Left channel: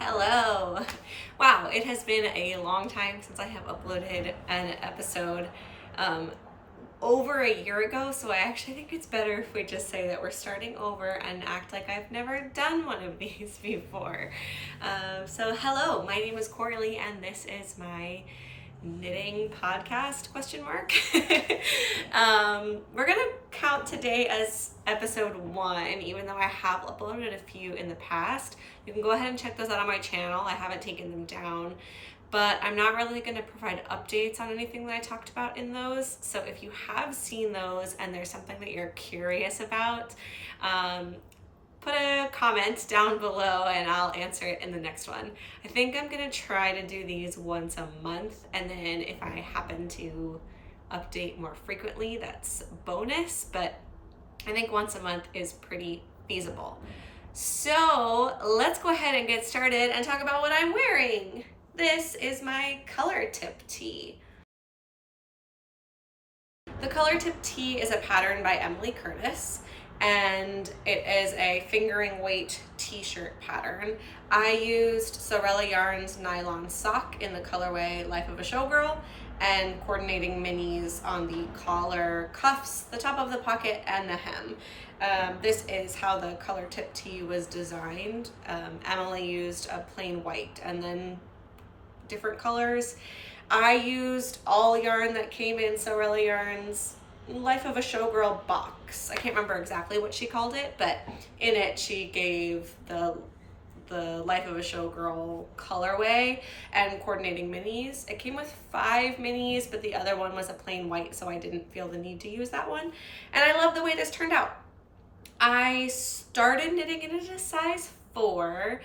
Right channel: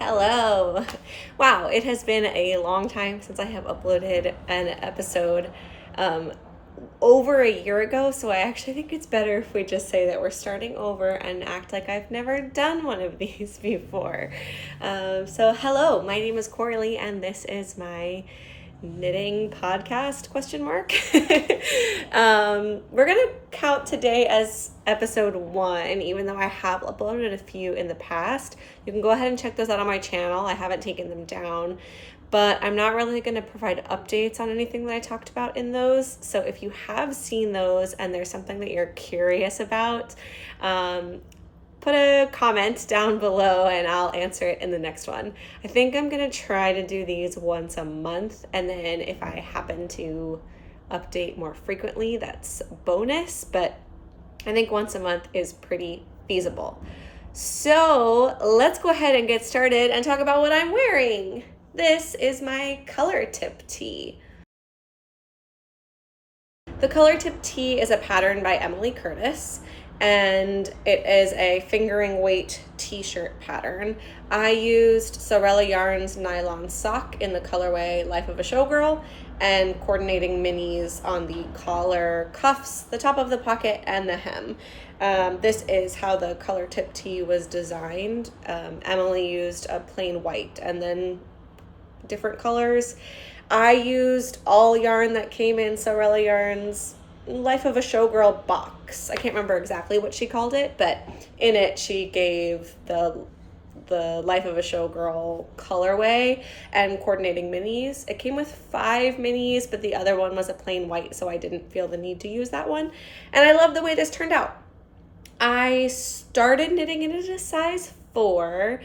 Hello. Wow, it has been a long time since I have uploaded an episode over a year ago, so I actually think it's better if we just say that we're starting over and act like I've never done one of these before. So hello, my name is Coralie and this is my knitting podcast ? We're gonna count today as episode 1, even though I have uploaded a few in the past. You can go ahead and check those out on my channel. I haven't taken them down, but I'm not really going to provide updates on anything that I talked about in those. So if you have seen those and there's something that you're curious about, put a comment down below and I'll answer it in the next one. I think I'm going to try to do these once a month, and then if I happen to update more frequently, that's bonus, but I think once a month is pretty feasible. So let's go ahead and get started and talk about what I'm wearing. This is my color tip tee. The color tip tee is a pattern by Emily Curtis, and it is a fingering weight t-shirt pattern. I used Sorella Yarn's nylon sock in the colorway Life of a Showgirl and coordinating minis on the collar, cuffs, the top of the pocket, and the hem. This is how the color tip tee was designed. Emily used a plain white and then different colors. I used all yarn that came in Sorella Yarn's Life of a Showgirl box. I can't remember exactly what she called it, but in it she gave the Life of a Showgirl colorway and coordinating minis. It came with 5 minis, but the other one was a plain white, so I didn't feel the need to use that one. And I love the way this turned out. I started knitting it at a size 4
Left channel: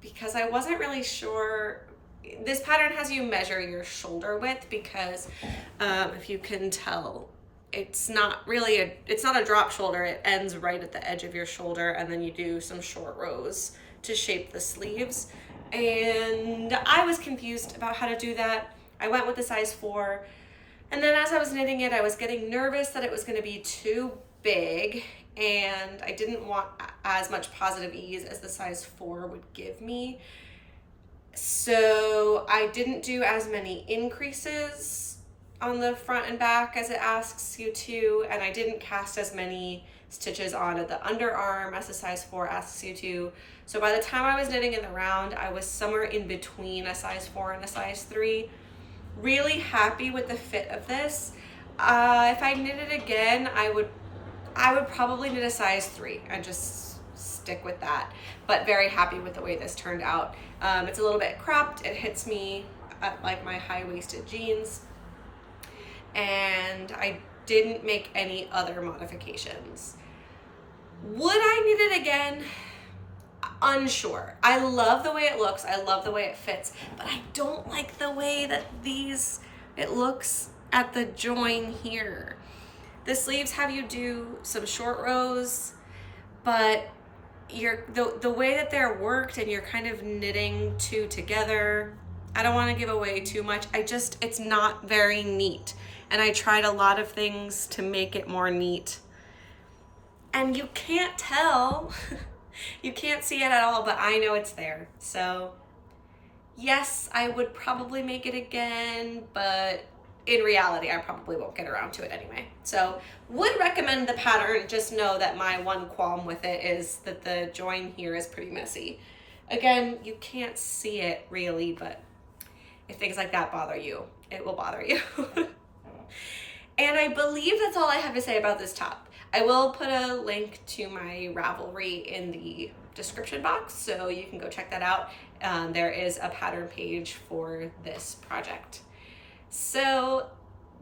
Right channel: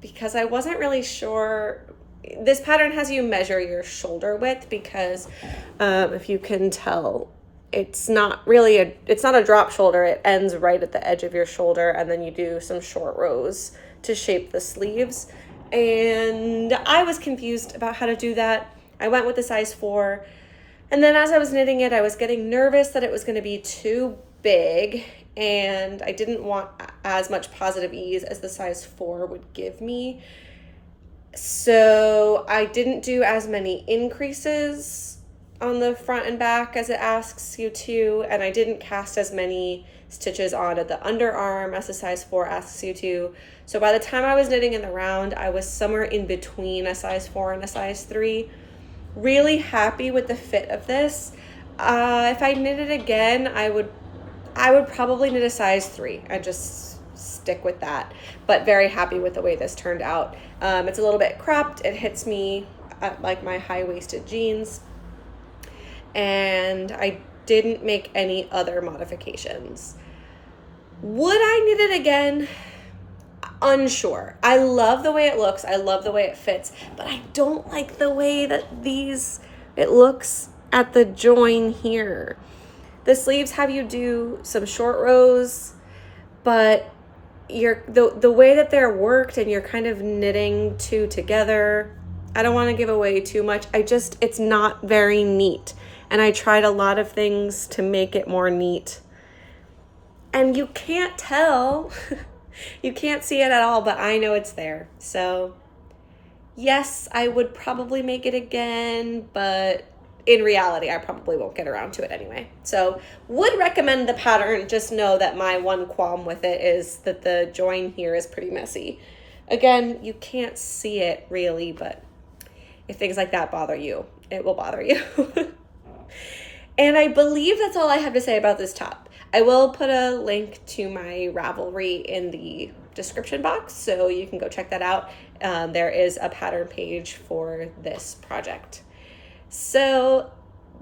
because I wasn't really sure. This pattern has you measure your shoulder width because if you can tell, it's not a drop shoulder. It ends right at the edge of your shoulder, and then you do some short rows to shape the sleeves. And I was confused about how to do that. I went with the size 4. And then as I was knitting it, I was getting nervous that it was going to be too big, and I didn't want as much positive ease as the size 4 would give me. So I didn't do as many increases on the front and back as it asks you to, and I didn't cast as many stitches on at the underarm as the size 4 asks you to. So by the time I was knitting in the round, I was somewhere in between a size 4 and a size 3. Really happy with the fit of this. If I knit it again, I would probably knit a size 3 and just stick with that, but very happy with the way this turned out. It's a little bit cropped. It hits me at like my high-waisted jeans, and I didn't make any other modifications. Would I knit it again? Unsure. I love the way it looks. I love the way it fits, but I don't like the way that it looks at the join here. The sleeves have you do some short rows, but the way that they're worked and you're kind of knitting 2 together, I don't want to give away too much. It's not very neat. And I tried a lot of things to make it more neat. And you can't tell. You can't see it at all, but I know it's there. So yes, I would probably make it again, but in reality, I probably won't get around to it anyway. So would recommend the pattern. Just know that my one qualm with it is that the join here is pretty messy. Again, you can't see it really, but if things like that bother you, it will bother you. And I believe that's all I have to say about this top. I will put a link to my Ravelry in the description box, so you can go check that out. There is a pattern page for this project. So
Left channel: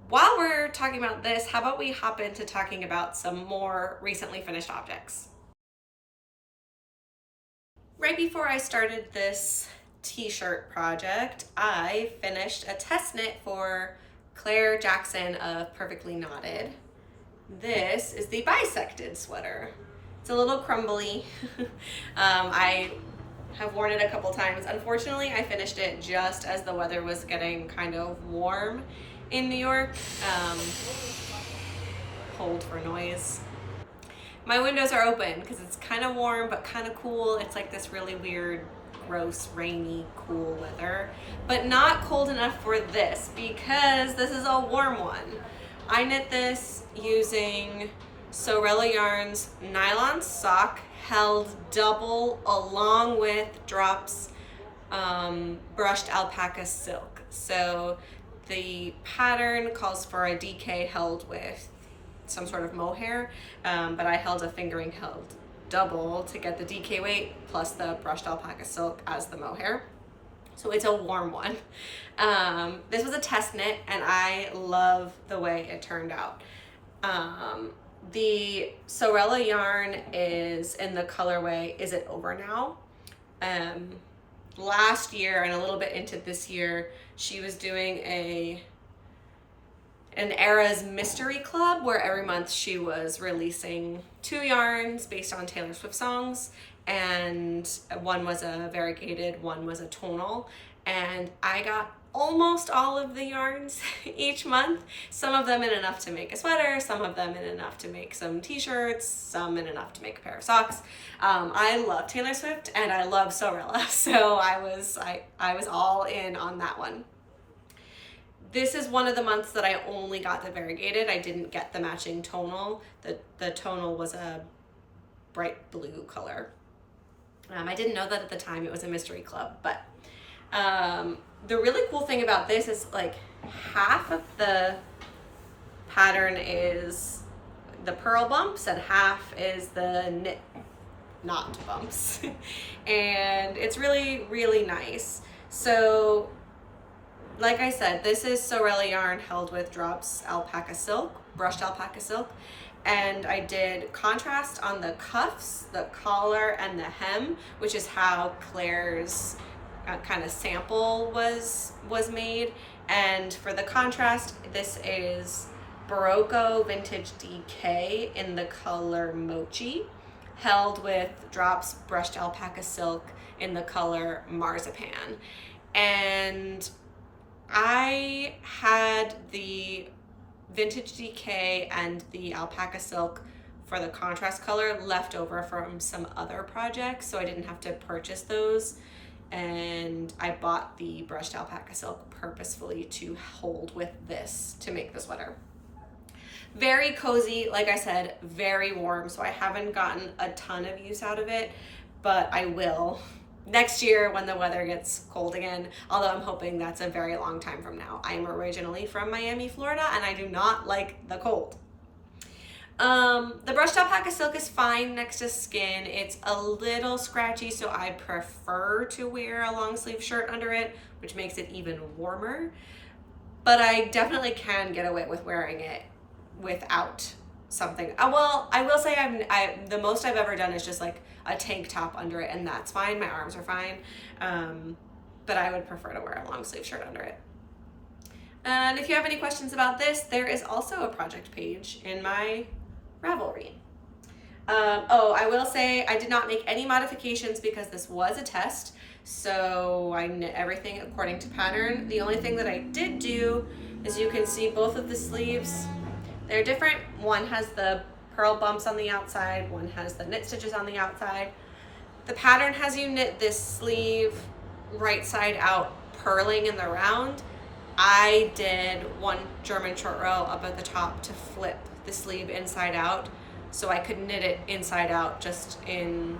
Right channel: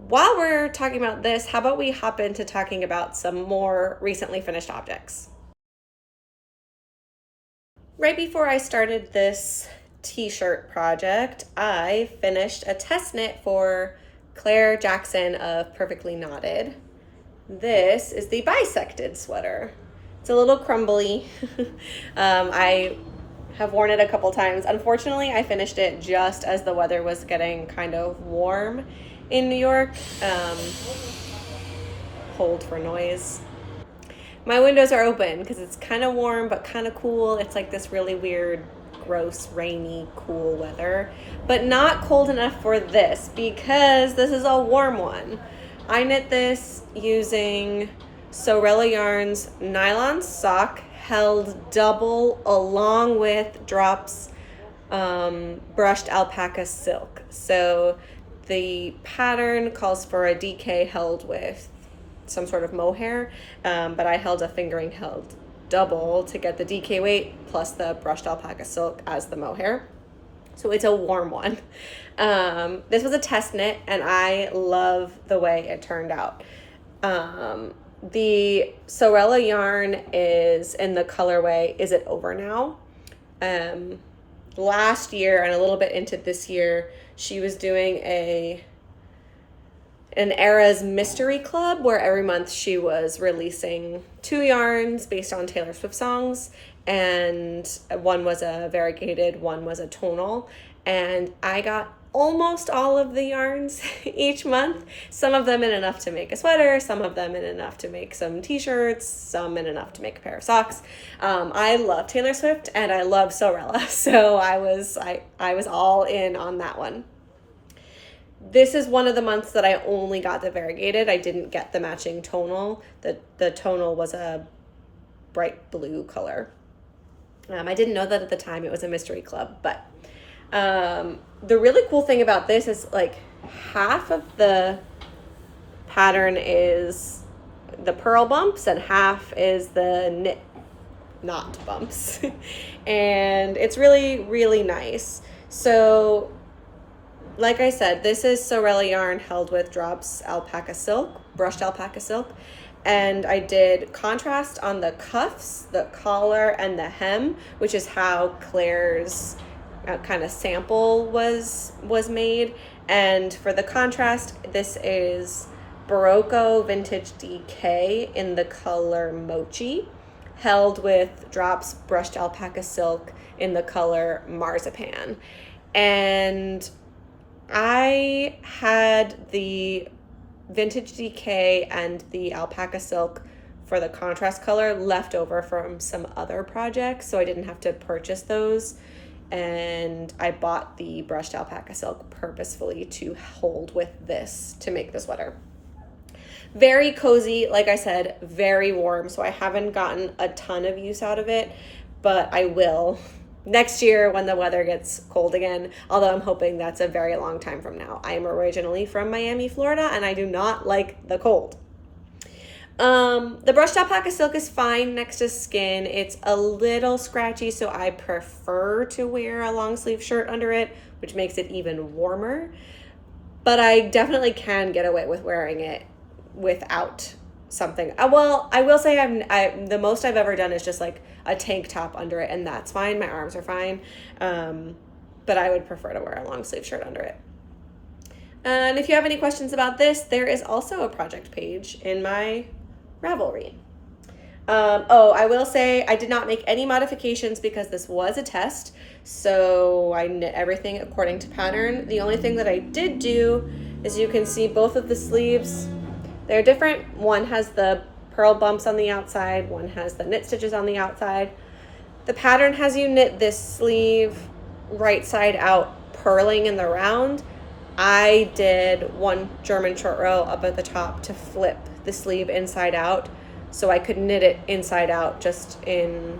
while we're talking about this, how about we hop into talking about some more recently finished objects? Right before I started this t-shirt project, I finished a test knit for Claire Jackson of Perfectly Knotted. This is the bisected sweater. It's a little crumbly. I have worn it a couple times. Unfortunately, I finished it just as the weather was getting kind of warm in New York. Hold for noise. My windows are open because it's kind of warm but kind of cool. It's like this really weird gross, rainy, cool weather, but not cold enough for this because this is a warm one. I knit this using Sorella Yarn's nylon sock held double along with Drops brushed alpaca silk. So the pattern calls for a DK held with some sort of mohair, but I held a fingering held double to get the DK weight plus the brushed alpaca silk as the mohair. So it's a warm one. This was a test knit and I love the way it turned out. The Sorella yarn is in the colorway Is It Over Now? Last year and a little bit into this year, she was doing an Era's Mystery Club where every month she was releasing 2 yarns based on Taylor Swift songs, and one was a variegated, one was a tonal, and I got almost all of the yarns each month, some of them in enough to make a sweater, some of them in enough to make some t-shirts, some in enough to make a pair of socks. I love Taylor Swift and I love Sorella, so I was all in on that one. This is one of the months that I only got the variegated. I didn't get the matching tonal. The tonal was a bright blue color. I didn't know that at the time it was a mystery club, but the really cool thing about this is like half of the pattern is the purl bumps and half is the knit knot bumps. And it's really, really nice. So like I said, this is Sorella yarn held with Drops alpaca silk, brushed alpaca silk. And I did contrast on the cuffs, the collar, and the hem, which is how Claire's kind of sample was made. And for the contrast, this is Barocco Vintage DK in the color Mochi, held with Drops brushed alpaca silk in the color Marzipan. And I had the Vintage DK and the alpaca silk for the contrast color left over from some other projects, so I didn't have to purchase those. And I bought the brushed alpaca silk purposefully to hold with this to make the sweater. Very cozy, like I said, very warm, so I haven't gotten a ton of use out of it, but I will next year when the weather gets cold again, although I'm hoping that's a very long time from now. I am originally from Miami, Florida, and I do not like the cold. The brushed alpaca silk is fine next to skin. It's a little scratchy, so I prefer to wear a long sleeve shirt under it, which makes it even warmer. But I definitely can get away with wearing it without something. Well, I will say the most I've ever done is just like a tank top under it, and that's fine. My arms are fine. But I would prefer to wear a long sleeve shirt under it. And if you have any questions about this, there is also a project page in my Ravelry. I will say I did not make any modifications because this was a test, so I knit everything according to pattern. The only thing that I did do is you can see both of the sleeves. They're different. One has the purl bumps on the outside, one has the knit stitches on the outside. The pattern has you knit this sleeve right side out, purling in the round. I did one German short row up at the top to flip the sleeve inside out so I could knit it inside out just in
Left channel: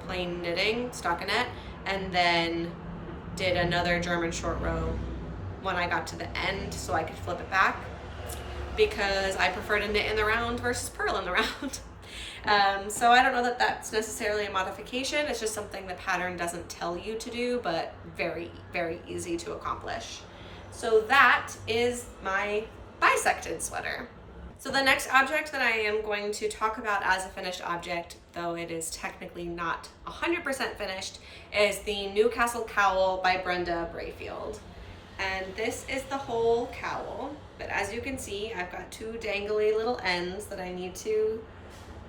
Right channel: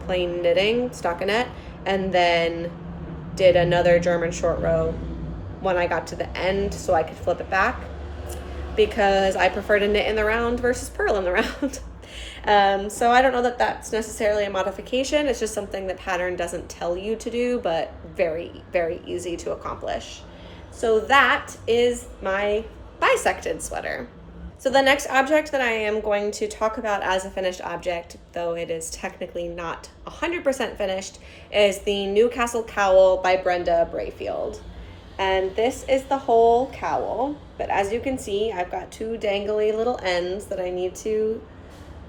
plain knitting, stockinette, and then did another German short row when I got to the end so I could flip it back, because I prefer to knit in the round versus purl in the round. So I don't know that that's necessarily a modification. It's just something the pattern doesn't tell you to do, but very, very easy to accomplish. So that is my bisected sweater. So the next object that I am going to talk about as a finished object, though it is technically not 100% finished, is the Newcastle Cowl by Brenda Brayfield. And this is the whole cowl, but as you can see, I've got 2 dangly little ends that I need to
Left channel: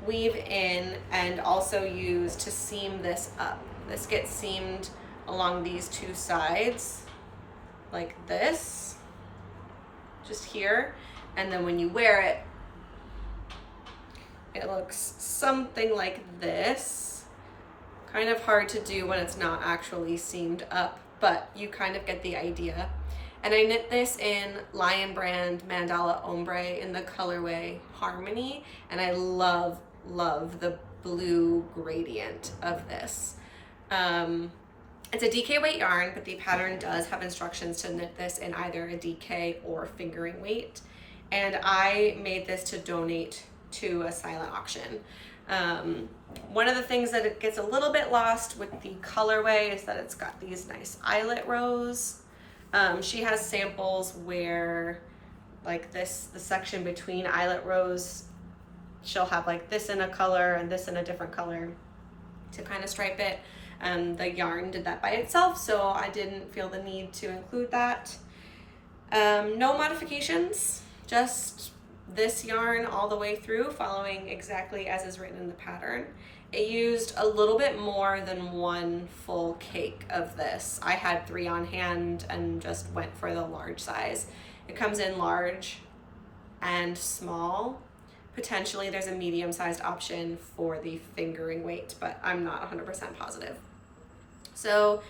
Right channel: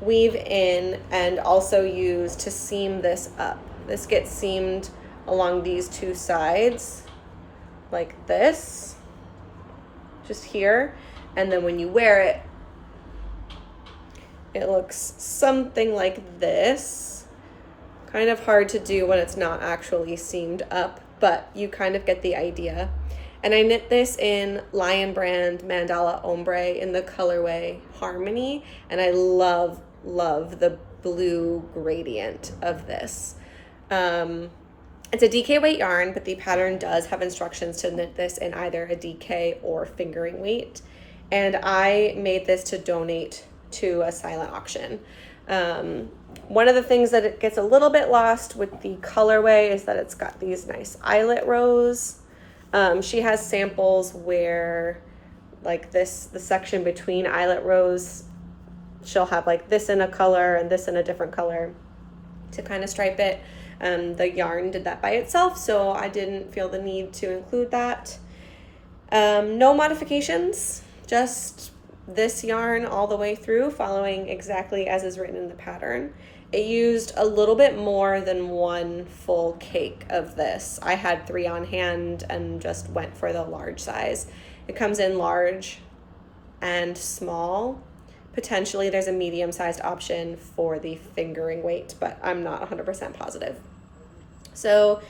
weave in and also use to seam this up. This gets seamed along these 2 sides, like this, just here. And then when you wear it, it looks something like this, Kind of hard to do when it's not actually seamed up, but you kind of get the idea. And I knit this in Lion Brand Mandala Ombre in the colorway Harmony, and I love the blue gradient of this. It's a DK weight yarn, but the pattern does have instructions to knit this in either a DK or fingering weight. And I made this to donate to a silent auction. One of the things that it gets a little bit lost with the colorway is that it's got these nice eyelet rows. She has samples where like this, the section between eyelet rows, she'll have like this in a color and this in a different color to kind of stripe it. The yarn did that by itself, so I didn't feel the need to include that. No modifications, just this yarn all the way through, following exactly as is written in the pattern. It used a little bit more than one full cake of this. I had 3 on hand and just went for the large size. It comes in large and small. Potentially there's a medium-sized option for the fingering weight, but I'm not 100% positive. So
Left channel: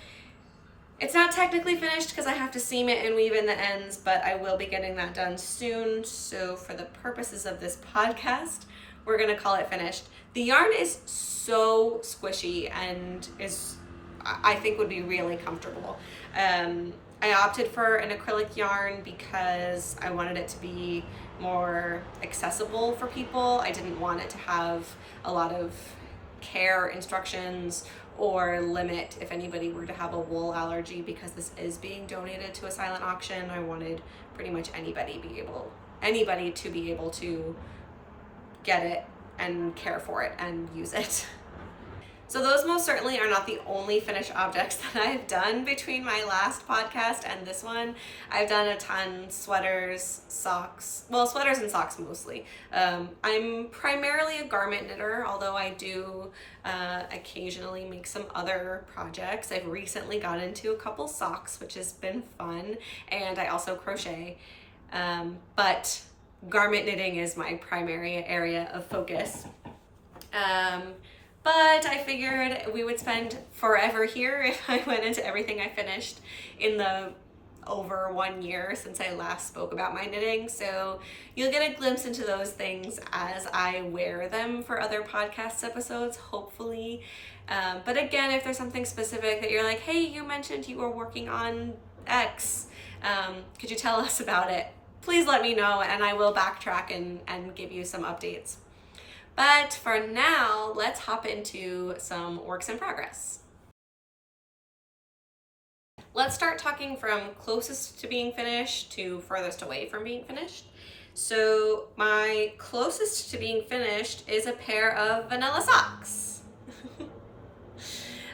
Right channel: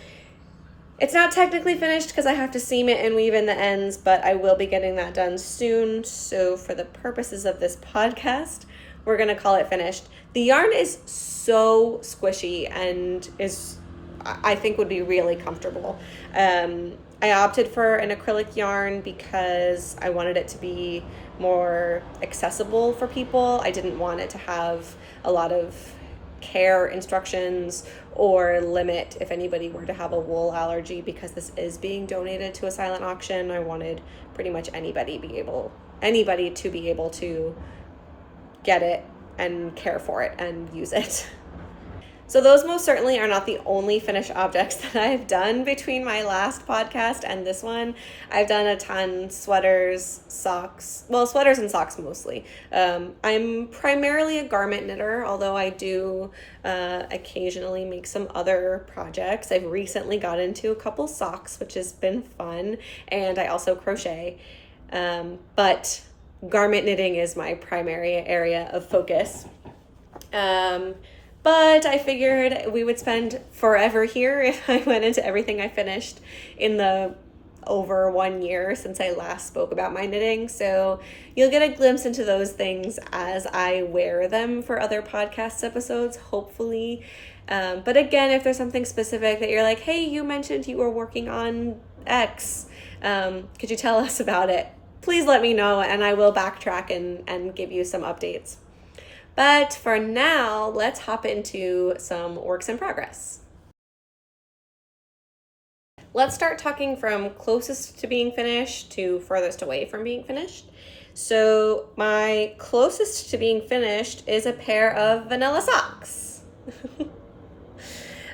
it's not technically finished because I have to seam it and weave in the ends, but I will be getting that done soon. So for the purposes of this podcast, we're gonna call it finished. The yarn is so squishy and I think would be really comfortable. I opted for an acrylic yarn because I wanted it to be more accessible for people. I didn't want it to have a lot of care instructions or limit if anybody were to have a wool allergy, because this is being donated to a silent auction. I wanted pretty much anybody to be able to get it and care for it and use it. So those most certainly are not the only finished objects that I've done between my last podcast and this one. I've done a ton: sweaters, socks, well, sweaters and socks mostly. I'm primarily a garment knitter, although I do occasionally make some other projects. I've recently got into a couple socks, which has been fun, and I also crochet. But garment knitting is my primary area of focus. But I figured we would spend forever here if I went into everything I finished in the over 1 year since I last spoke about my knitting. So you'll get a glimpse into those things as I wear them for other podcast episodes, hopefully. But again, if there's something specific that you're like, hey, you mentioned you were working on X, could you tell us about it? Please let me know and I will backtrack and give you some updates. But for now, let's hop into some works in progress. Let's start talking from closest to being finished to furthest away from being finished. So my closest to being finished is a pair of vanilla socks.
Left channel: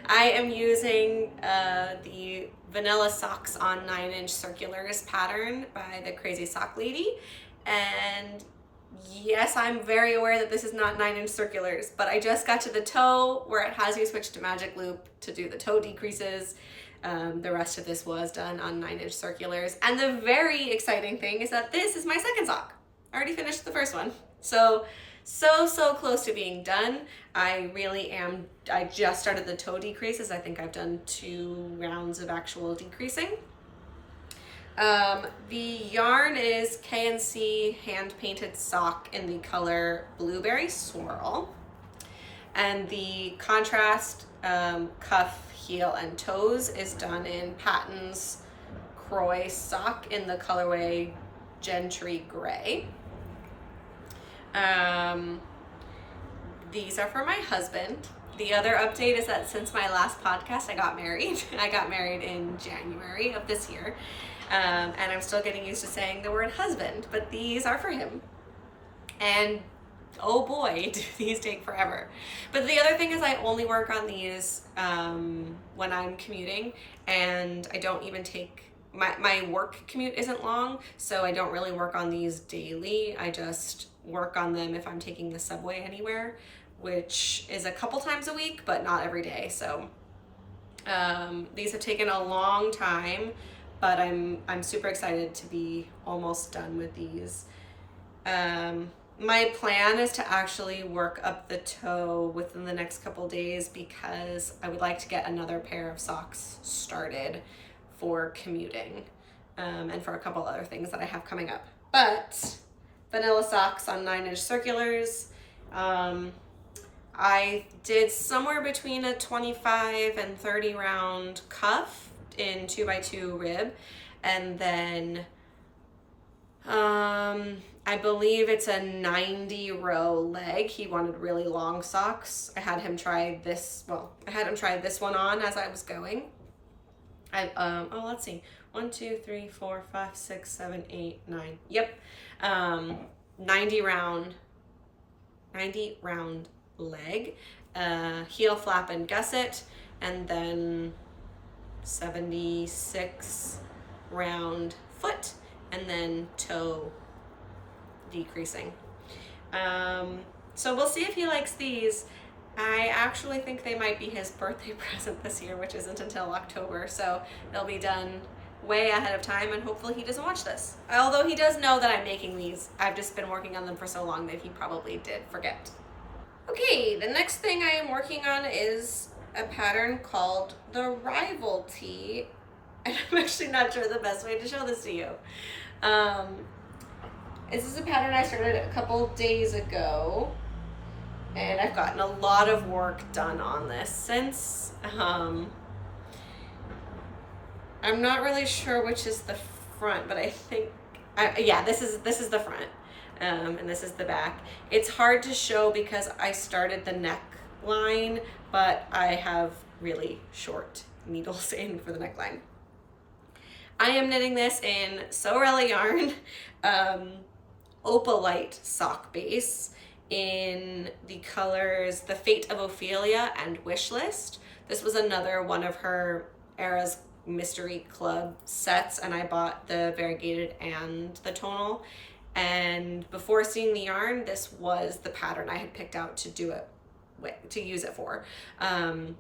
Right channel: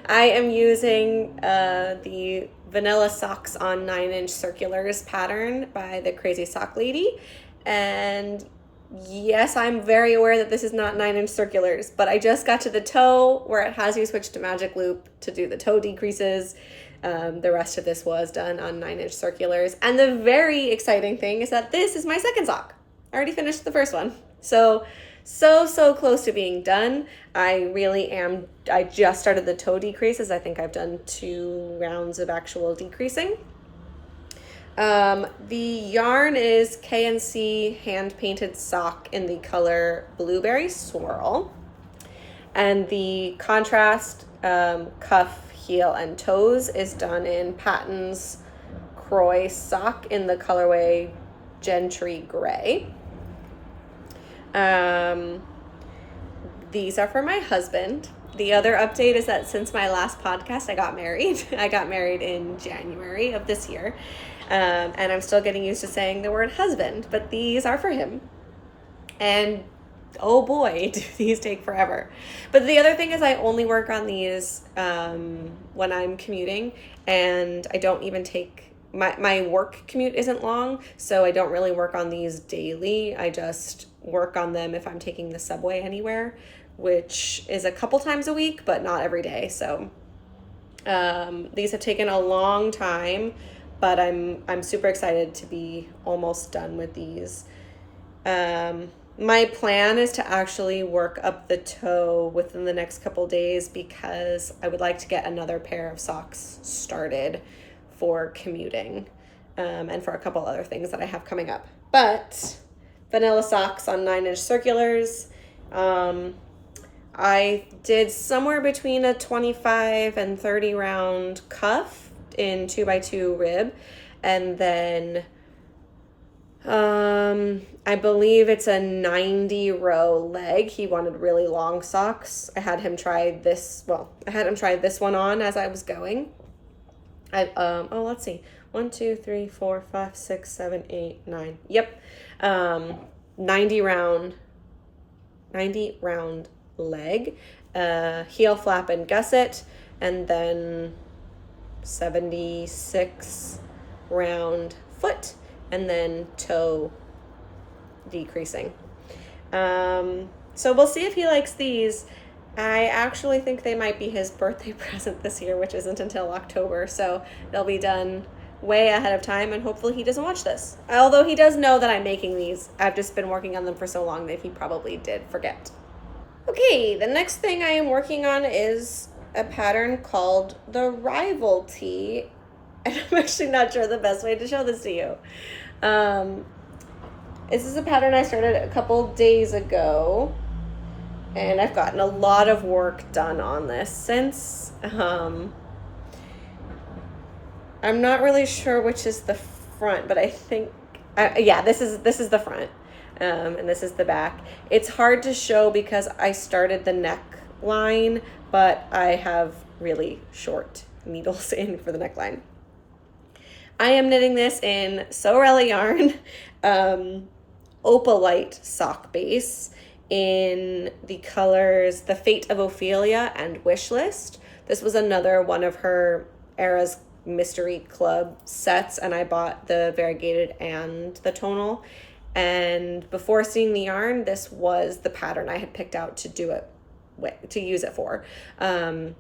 I am using the Vanilla Socks on 9-inch Circulars pattern by the Crazy Sock Lady. And yes, I'm very aware that this is not 9-inch circulars, but I just got to the toe where it has you switch to magic loop to do the toe decreases. The rest of this was done on 9-inch circulars. And the very exciting thing is that this is my second sock. I already finished the first one. So close to being done. I really am. I just started the toe decreases. I think I've done 2 rounds of actual decreasing. The yarn is K&C hand painted sock in the color Blueberry Swirl, and the contrast cuff, heel, and toes is done in Patton's Croy sock in the colorway Gentry Gray. These are for my husband. The other update is that since my last podcast, I got married. I got married in January of this year. And I'm still getting used to saying the word husband, but these are for him. And oh boy, do these take forever. But the other thing is I only work on these when I'm commuting, and I don't even take, my work commute isn't long, so I don't really work on these daily. I just work on them if I'm taking the subway anywhere, which is a couple times a week, but not every day. So these have taken a long time, but I'm super excited to be almost done with these. My plan is to actually work up the toe within the next couple days because I would like to get another pair of socks started for commuting, and for a couple other things that I have coming up. But vanilla socks on 9-inch circulars. I did somewhere between a 25 and 30 round cuff in 2x2 rib, and then I believe it's a 90 row leg. He wanted really long socks. I had him try this one on as I was going. Let's see. 1, 2, 3, 4, 5, 6, 7, 8, 9. Yep. 90 round leg, heel flap and gusset, and then 76 round foot, and then toe decreasing. So we'll see if he likes these. I actually think they might be his birthday present this year, which isn't until October, so they'll be done way ahead of time, and hopefully he doesn't watch this. Although he does know that I'm making these. I've just been working on them for so long that he probably did forget. Okay, the next thing I am working on is a pattern called the Rival Tee, and I'm actually not sure the best way to show this to you. This is a pattern I started a couple days ago, and I've gotten a lot of work done on this since. I'm not really sure which is the front, but I think, this is the front, and this is the back. It's hard to show because I started the neckline, but I have really short needles in for the neckline. I am knitting this in Sorella yarn, Opalite sock base in the colors The Fate of Ophelia and Wishlist. This was another one of her Era's Mystery Club sets, and I bought the variegated and the tonal. And before seeing the yarn, this was the pattern I had picked out to do it with, to use it for. And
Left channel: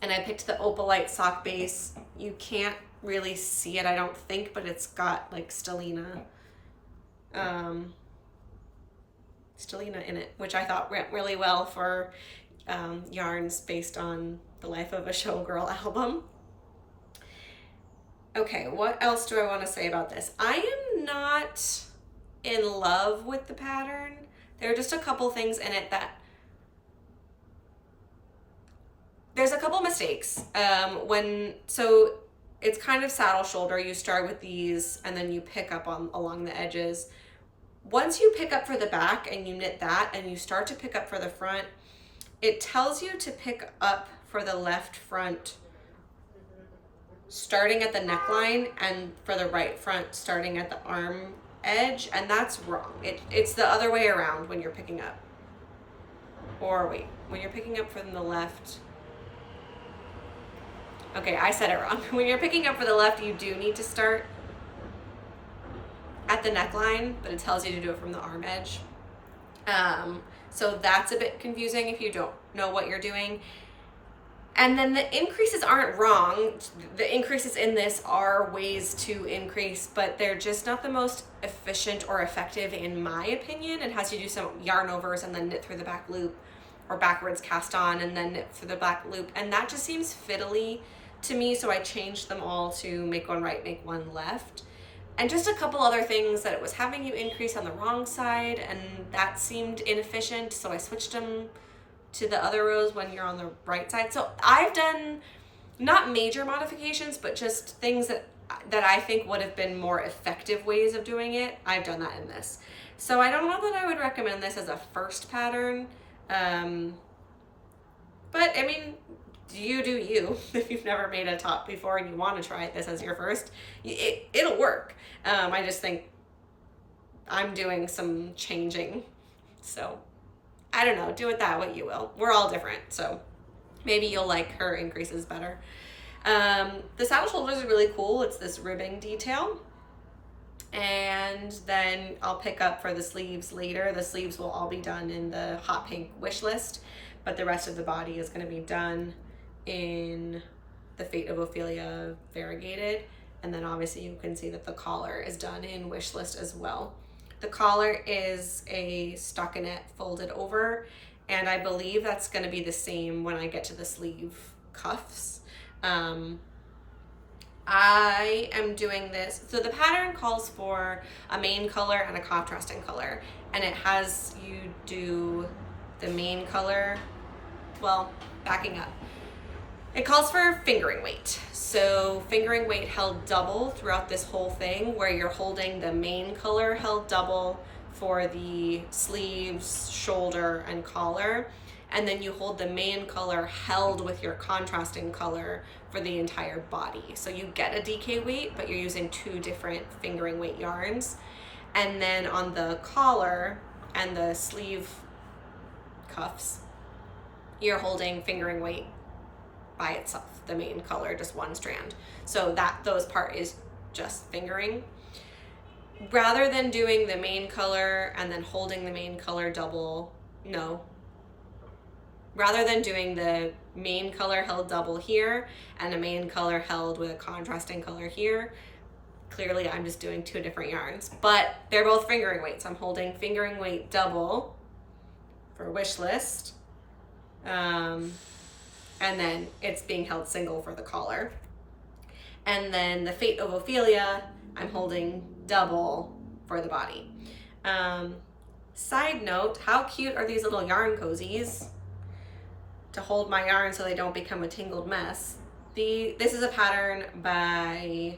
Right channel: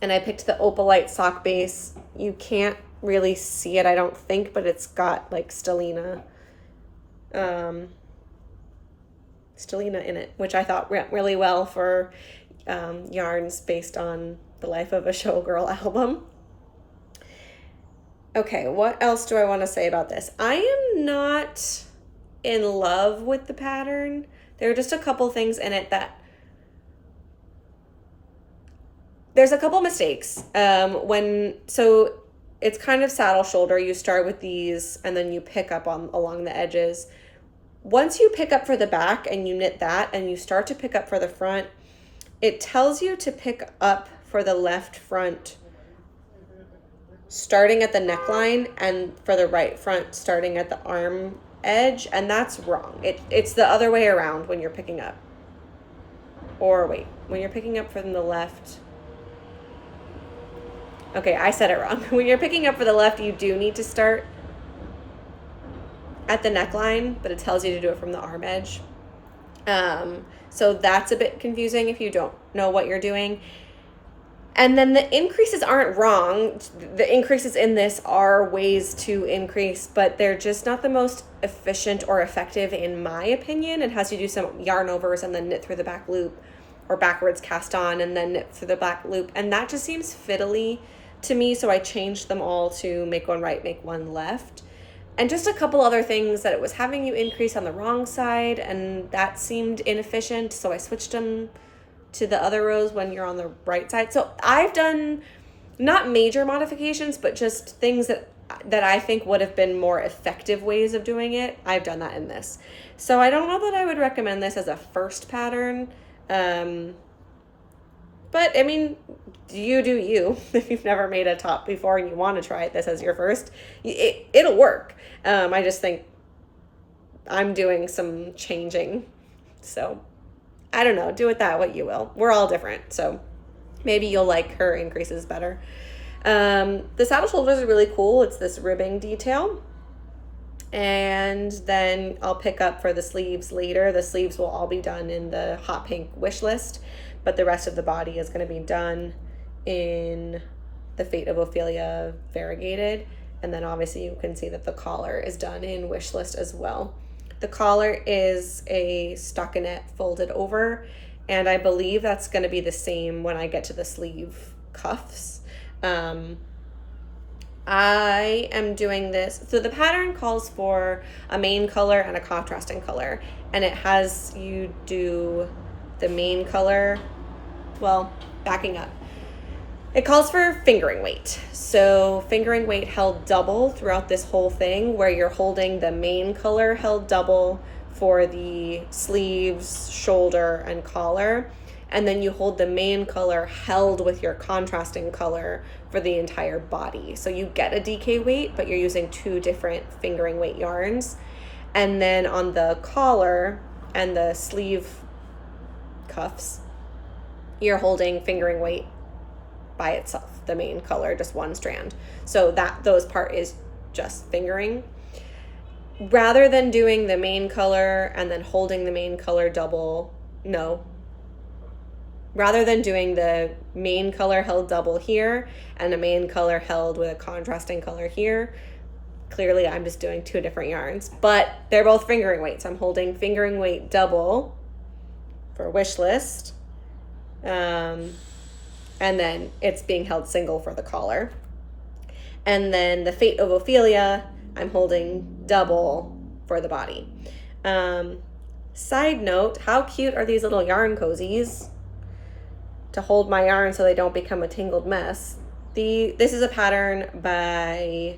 I picked the Opalite sock base. You can't really see it, I don't think, but it's got like stellina in it, which I thought went really well for yarns based on the Life of a Showgirl album. Okay, what else do I want to say about this? I am not in love with the pattern. There are just a couple things in it that there's a couple mistakes. So it's kind of saddle shoulder. You start with these and then you pick up along the edges. Once you pick up for the back and you knit that and you start to pick up for the front, it tells you to pick up for the left front starting at the neckline and for the right front starting at the arm edge, and that's wrong. It's the other way around when you're picking up. Or wait, when you're picking up from the left. Okay, I said it wrong. When you're picking up for the left, you do need to start at the neckline, but it tells you to do it from the arm edge. So that's a bit confusing if you don't know what you're doing. And then the increases aren't wrong. The increases in this are ways to increase, but they're just not the most efficient or effective in my opinion. It has you do some yarn overs and then knit through the back loop, or backwards cast on and then knit through the back loop. And that just seems fiddly to me, so I changed them all to make one right, make one left. And just a couple other things that it was having you increase on the wrong side, and that seemed inefficient, so I switched them to the other rows when you're on the right side. So I've done not major modifications, but just things that I think would have been more effective ways of doing it. I've done that in this. So I don't know that I would recommend this as a first pattern. But I mean, you do you. If you've never made a top before and you want to try this as your first, it'll work. I just think I'm doing some changing. So I don't know, do with that what you will. We're all different, so maybe you'll like her increases better. The saddle shoulders are really cool. It's this ribbing detail. And then I'll pick up for the sleeves later. The sleeves will all be done in the hot pink wish list, but the rest of the body is going to be done in the Fate of Ophelia variegated. And then obviously you can see that the collar is done in wish list as well. The collar is a stockinette folded over, and I believe that's going to be the same when I get to the sleeve cuffs. I am doing this. So the pattern calls for a main color and a contrasting color, and it has you do the main color. Well, backing up. It calls for fingering weight. So fingering weight held double throughout this whole thing, where you're holding the main color held double for the sleeves, shoulder, and collar. And then you hold the main color held with your contrasting color for the entire body. So you get a DK weight, but you're using two different fingering weight yarns. And then on the collar and the sleeve cuffs, you're holding fingering weight by itself, the main color, just one strand. So those part is just fingering. Rather than doing the main color and then holding the main color double, no. Rather than doing the main color held double here and the main color held with a contrasting color here, clearly I'm just doing two different yarns, but they're both fingering weights. I'm holding fingering weight double for wish list. And then it's being held single for the collar. And then the Fate of Ophelia, I'm holding double for the body. Side note, how cute are these little yarn cozies to hold my yarn so they don't become a tangled mess? This is a pattern by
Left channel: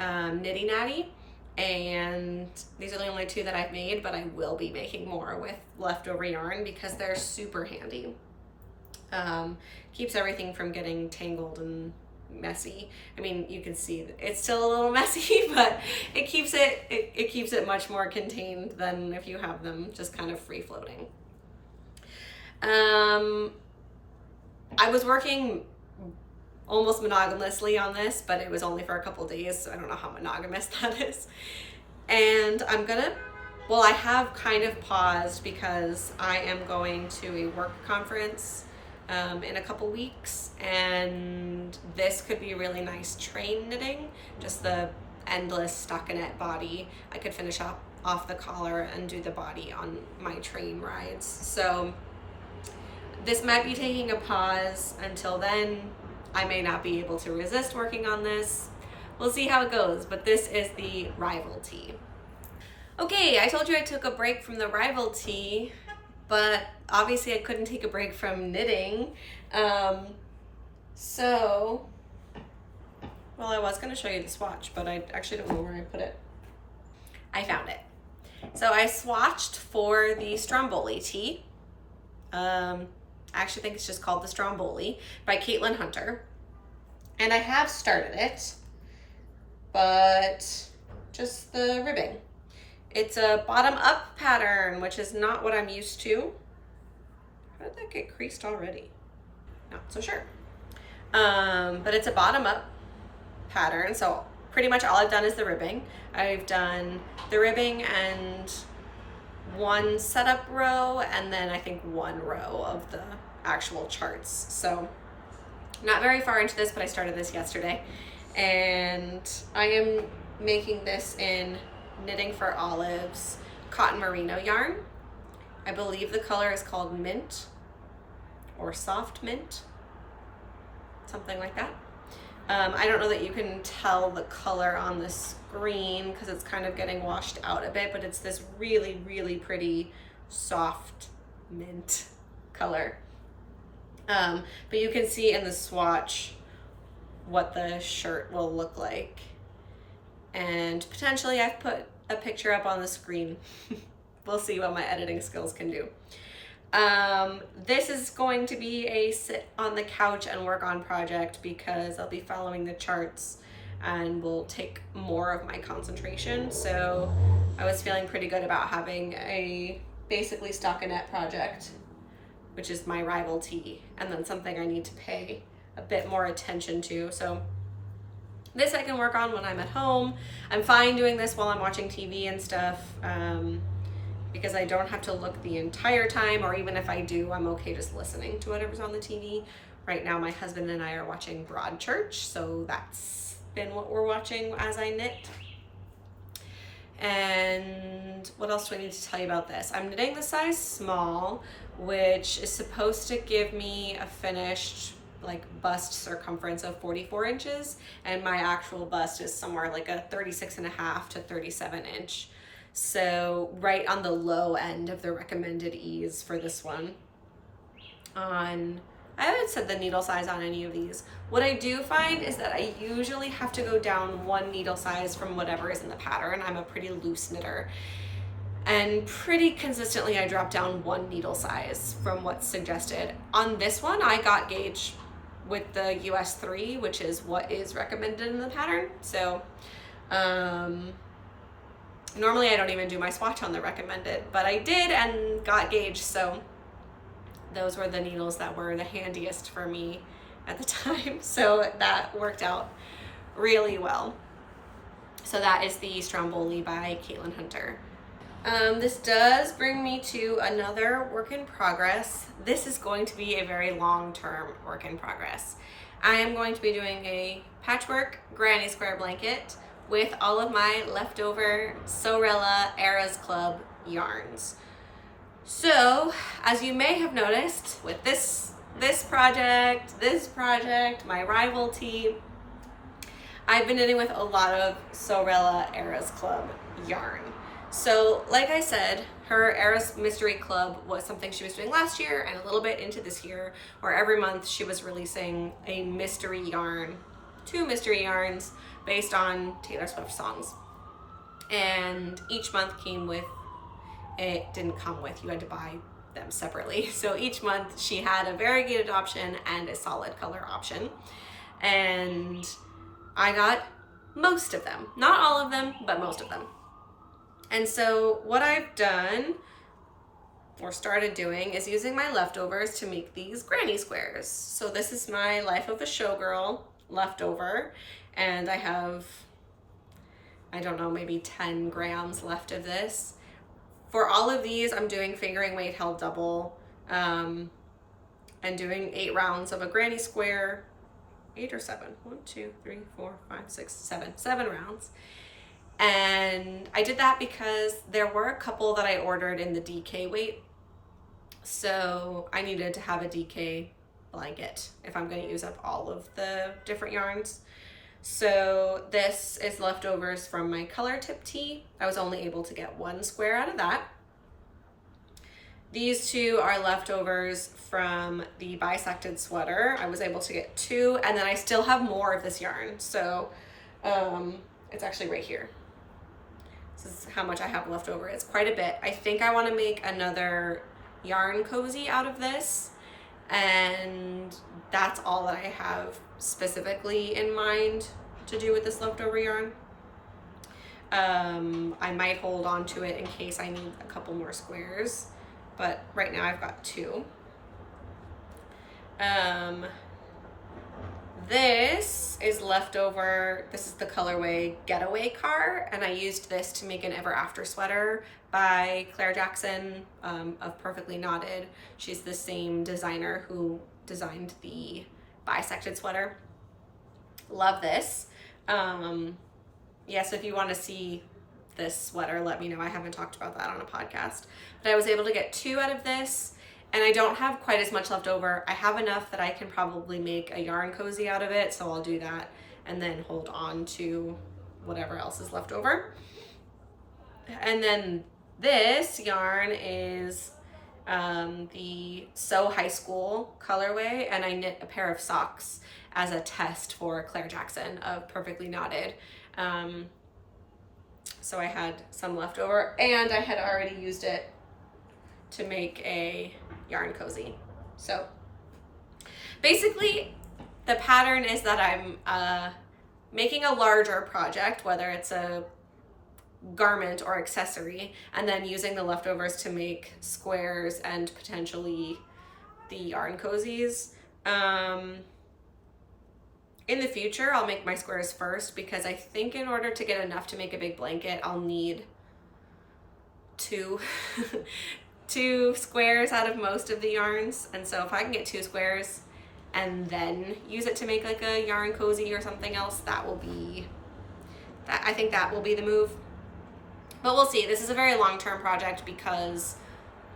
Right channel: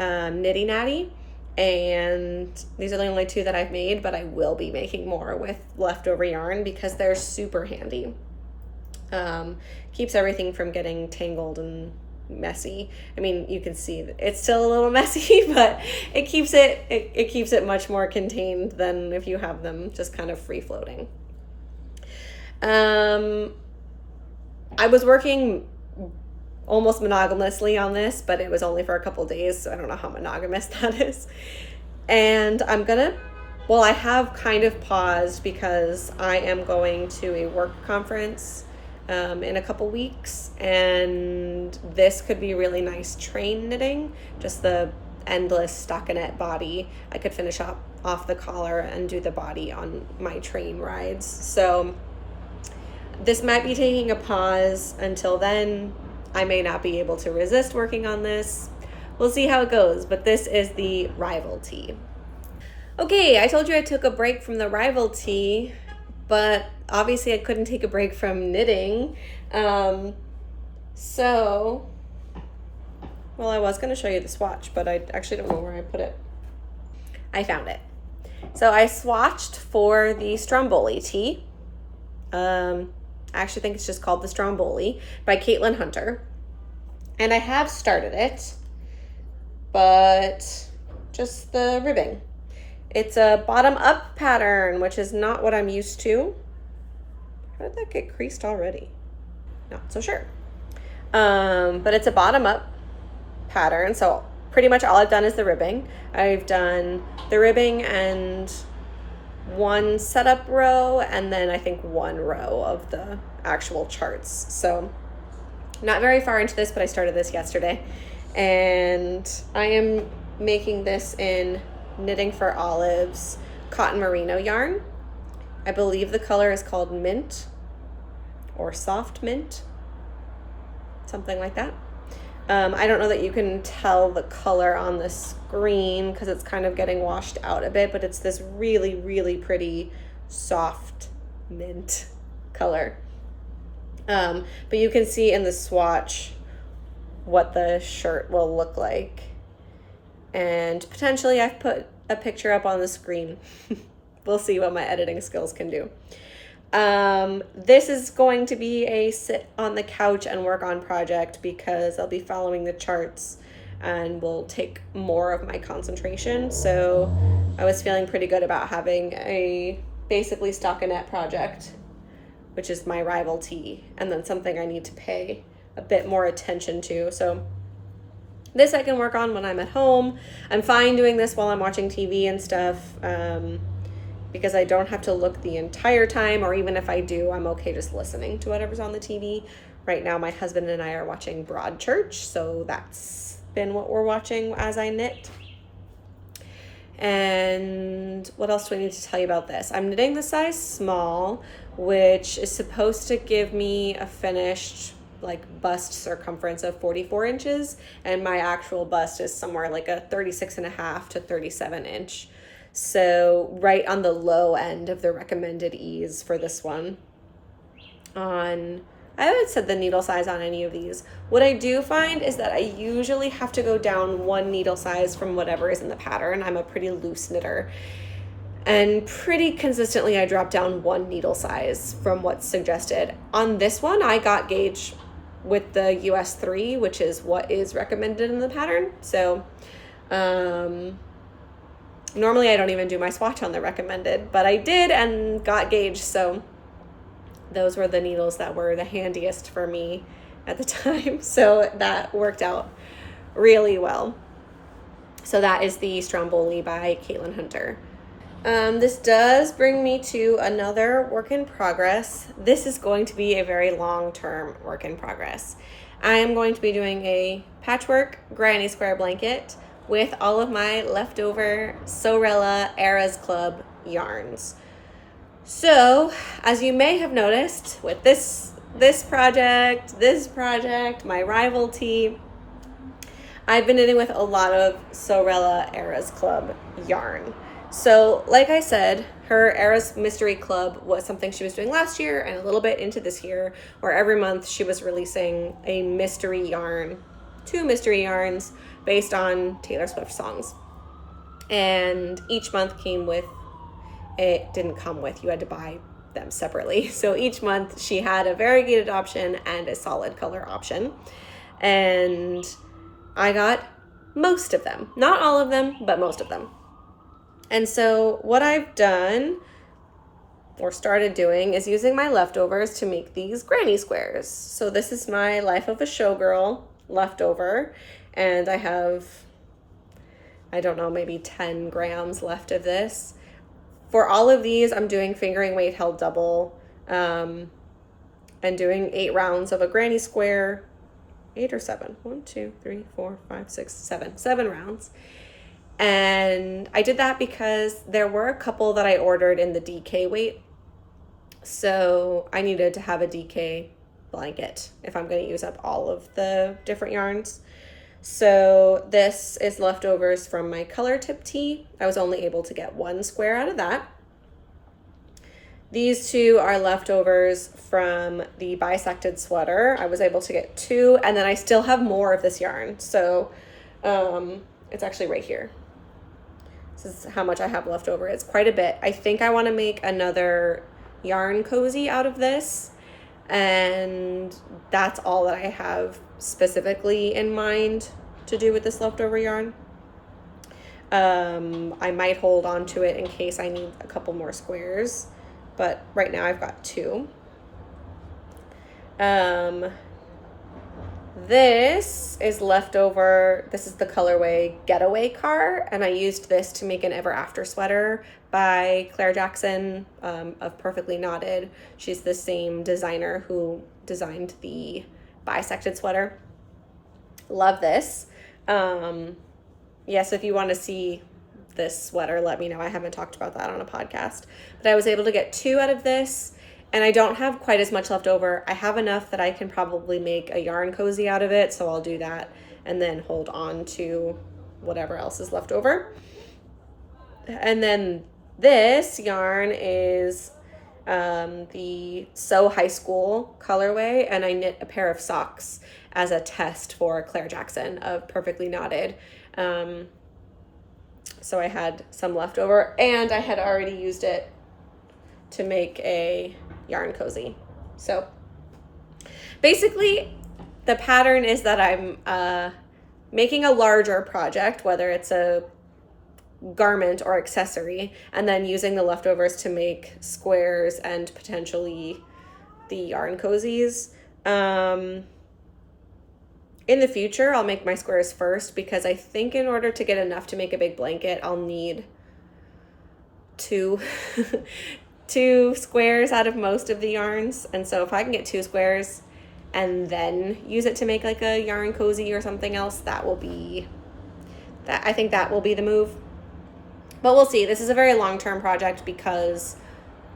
Nitty Natty, and these are the only two that I've made, but I will be making more with leftover yarn because they're super handy. Keeps everything from getting tangled and messy. I mean, you can see that it's still a little messy, but it keeps it much more contained than if you have them just kind of free floating. I was working almost monogamously on this, but it was only for a couple days, so I don't know how monogamous that is. And I have kind of paused because I am going to a work conference in a couple weeks, and this could be really nice train knitting, just the endless stockinette body. I could finish off the collar and do the body on my train rides. So this might be taking a pause until then. I may not be able to resist working on this. We'll see how it goes, but this is the Rival Tee. Okay, I told you I took a break from the Rival Tee, but obviously I couldn't take a break from knitting. I was going to show you the swatch, but I actually don't know where I put it. I found it. So I swatched for the Stromboli tee. I actually think it's just called the Stromboli by Caitlin Hunter. And I have started it, but just the ribbing. It's a bottom-up pattern, which is not what I'm used to. How did that get creased already? Not so sure. But it's a bottom-up pattern, so pretty much all I've done is the ribbing. I've done the ribbing and one setup row, and then I think one row of the actual charts. So not very far into this, but I started this yesterday. And I am making this in Knitting for Olives cotton merino yarn. I believe the color is called mint or soft mint, something like that. I don't know that you can tell the color on the screen because it's kind of getting washed out a bit, but it's this really, really pretty soft mint color. But you can see in the swatch what the shirt will look like. And potentially I've put a picture up on the screen. We'll see what my editing skills can do. This is going to be a sit on the couch and work on project because I'll be following the charts and will take more of my concentration. So I was feeling pretty good about having a basically stockinette project, which is my Rival Tee, and then something I need to pay a bit more attention to. So this I can work on when I'm at home. I'm fine doing this while I'm watching TV and stuff, because I don't have to look the entire time, or even if I do, I'm okay just listening to whatever's on the TV. Right now, my husband and I are watching Broadchurch, so that's been what we're watching as I knit. And what else do I need to tell you about this? I'm knitting the size small, which is supposed to give me a finished like bust circumference of 44 inches, and my actual bust is somewhere like a 36.5 to 37 inch. So right on the low end of the recommended ease for this one. I haven't said the needle size on any of these. What I do find is that I usually have to go down one needle size from whatever is in the pattern. I'm a pretty loose knitter. And pretty consistently I drop down one needle size from what's suggested. On this one, I got gauge with the US 3, which is what is recommended in the pattern. So normally I don't even do my swatch on the recommended, but I did and got gauge, so those were the needles that were the handiest for me at the time. So that worked out really well. So that is the Stromboli by Caitlin Hunter. This does bring me to another work in progress. This is going to be a very long-term work in progress. I am going to be doing a patchwork granny square blanket with all of my leftover Sorella Eras Club yarns. So, as you may have noticed with this project, my rival tee, I've been knitting with a lot of Sorella Eras Club yarn. So, like I said, her Eras Mystery Club was something she was doing last year and a little bit into this year, where every month she was releasing a mystery yarn, 2 mystery yarns based on Taylor Swift songs. And each month came with, it didn't come with, you had to buy them separately. So each month she had a variegated option and a solid color option. And I got most of them. Not all of them, but most of them. And so what I've done or started doing is using my leftovers to make these granny squares. So this is my Life of a Showgirl leftover, and I have, I don't know, maybe 10 grams left of this. For all of these, I'm doing fingering weight held double, and doing 8 rounds of a granny square, 8 or 7, 1, 2, 3, 4, 5, 6, 7 rounds. And I did that because there were a couple that I ordered in the DK weight. So I needed to have a DK blanket if I'm going to use up all of the different yarns. So this is leftovers from my color tip tee. I was only able to get 1 square out of that. These 2 are leftovers from the bisected sweater. I was able to get 2, and then I still have more of this yarn. So it's actually right here. This is how much I have left over. It's quite a bit. I think I want to make another yarn cozy out of this, and that's all that I have specifically in mind to do with this leftover yarn. I might hold on to it in case I need a couple more squares, but right now I've got 2. This is leftover. This is the colorway Getaway Car, and I used this to make an Ever After sweater by Claire Jackson of Perfectly Knotted. She's the same designer who designed the bisected sweater. Love this. Yes, if you want to see this sweater, let me know. I haven't talked about that on a podcast, but I was able to get 2 out of this. And I don't have quite as much left over. I have enough that I can probably make a yarn cozy out of it, so I'll do that and then hold on to whatever else is left over. And then this yarn is the So High School colorway, and I knit a pair of socks as a test for Claire Jackson of Perfectly Knotted. So I had some left over, and I had already used it to make a yarn cozy. So basically the pattern is that I'm making a larger project, whether it's a garment or accessory, and then using the leftovers to make squares and potentially the yarn cozies. In the future, I'll make my squares first, because I think in order to get enough to make a big blanket, I'll need 2 squares out of most of the yarns. And so if I can get 2 squares and then use it to make like a yarn cozy or something else, that will be, I think that will be the move. But we'll see. This is a very long-term project because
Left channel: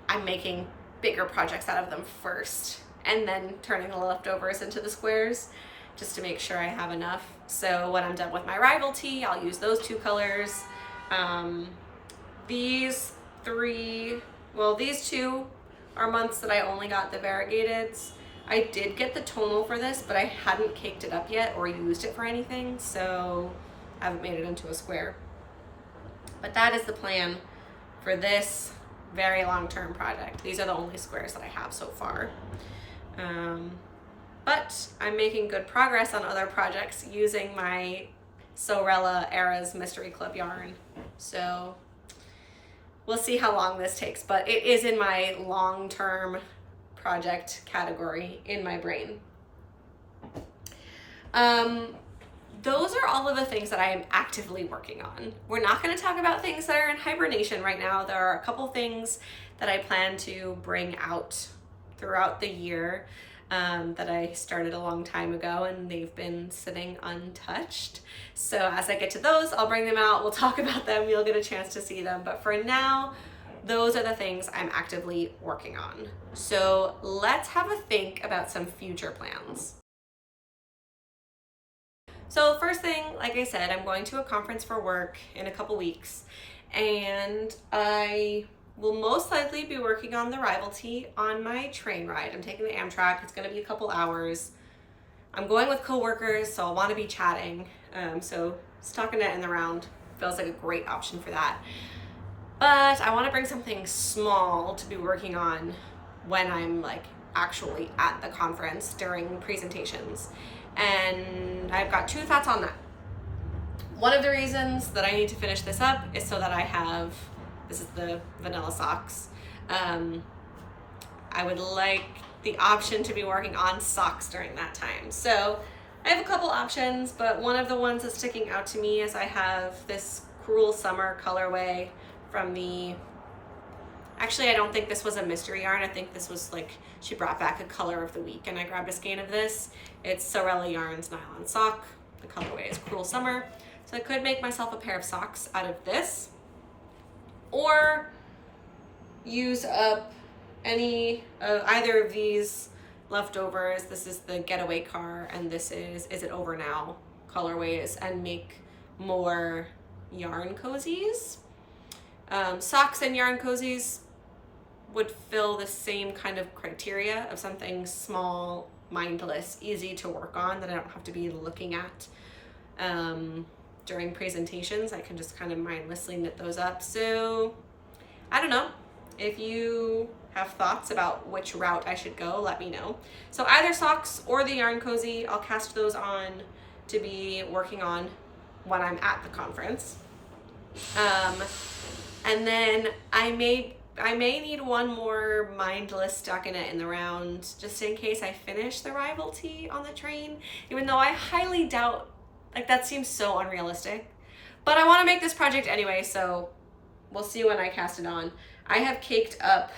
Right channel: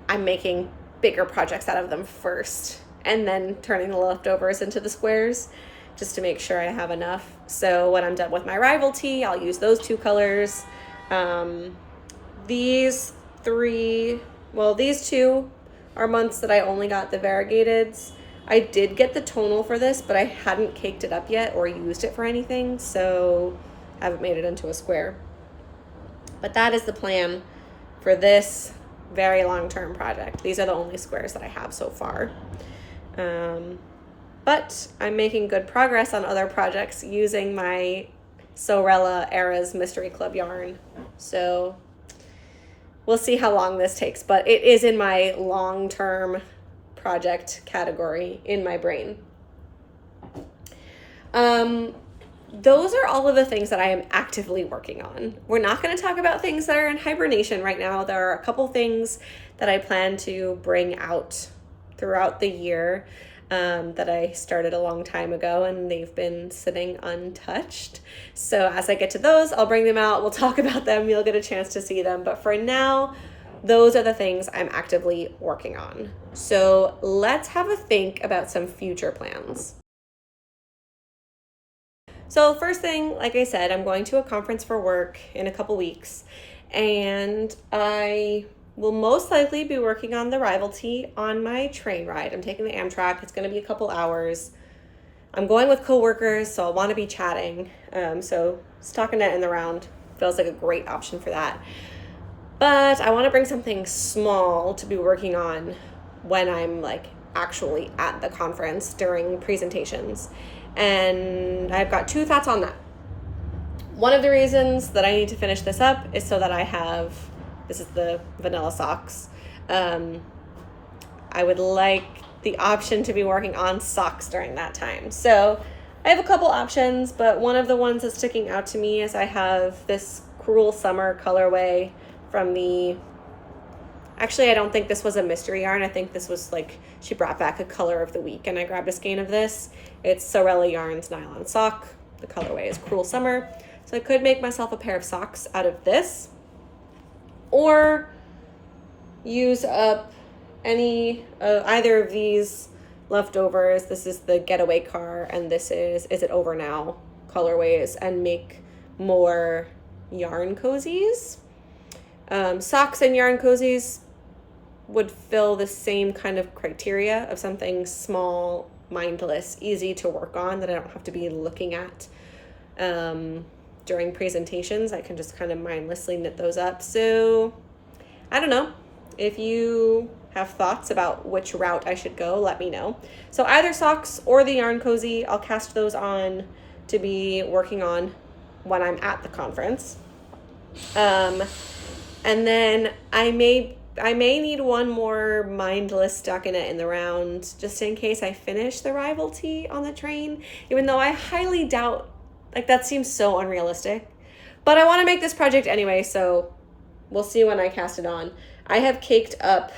I'm making bigger projects out of them first and then turning the leftovers into the squares just to make sure I have enough. So when I'm done with my rival tee, I'll use those two colors. These two are months that I only got the variegateds. I did get the tonal for this, but I hadn't caked it up yet or used it for anything, so I haven't made it into a square. But that is the plan for this very long-term project. These are the only squares that I have so far. But I'm making good progress on other projects using my Sorella Eras Mystery Club yarn. So we'll see how long this takes, but it is in my long-term project category in my brain. Those are all of the things that I am actively working on. We're not going to talk about things that are in hibernation right now. There are a couple things that I plan to bring out throughout the year that I started a long time ago, and they've been sitting untouched. So as I get to those, I'll bring them out. We'll talk about them. You'll get a chance to see them. But for now, those are the things I'm actively working on. So let's have a think about some future plans. So first thing, like I said, I'm going to a conference for work in a couple weeks, and I will most likely be working on the rival tee on my train ride. I'm taking the Amtrak. It's going to be a couple hours. I'm going with coworkers, so I'll want to be chatting. So stockinette in the round feels like a great option for that. But I want to bring something small to be working on when I'm like actually at the conference during presentations. And I've got two thoughts on that. One of the reasons that I need to finish this up is so that I have, this is the vanilla socks. I would like the option to be working on socks during that time. So I have a couple options, but one of the ones that's sticking out to me is I have this Cruel Summer colorway from actually, I don't think this was a mystery yarn. I think this was like, she brought back a color of the week and I grabbed a skein of this. It's Sorella Yarns Nylon Sock. The colorway is Cruel Summer. So I could make myself a pair of socks out of this, or use up either of these leftovers. This is the Getaway Car and this is It Over Now colorways, and make more yarn cozies. Socks and yarn cozies would fill the same kind of criteria of something small, mindless, easy to work on that I don't have to be looking at during presentations. I can just kind of mindlessly knit those up. So I don't know. If you have thoughts about which route I should go, let me know. So either socks or the yarn cozy, I'll cast those on to be working on when I'm at the conference. And then I may need one more mindless stockinette in the round, just in case I finish the rival tee on the train, even though I highly doubt, like that seems so unrealistic. But I want to make this project anyway, so we'll see when I cast it on. I have caked up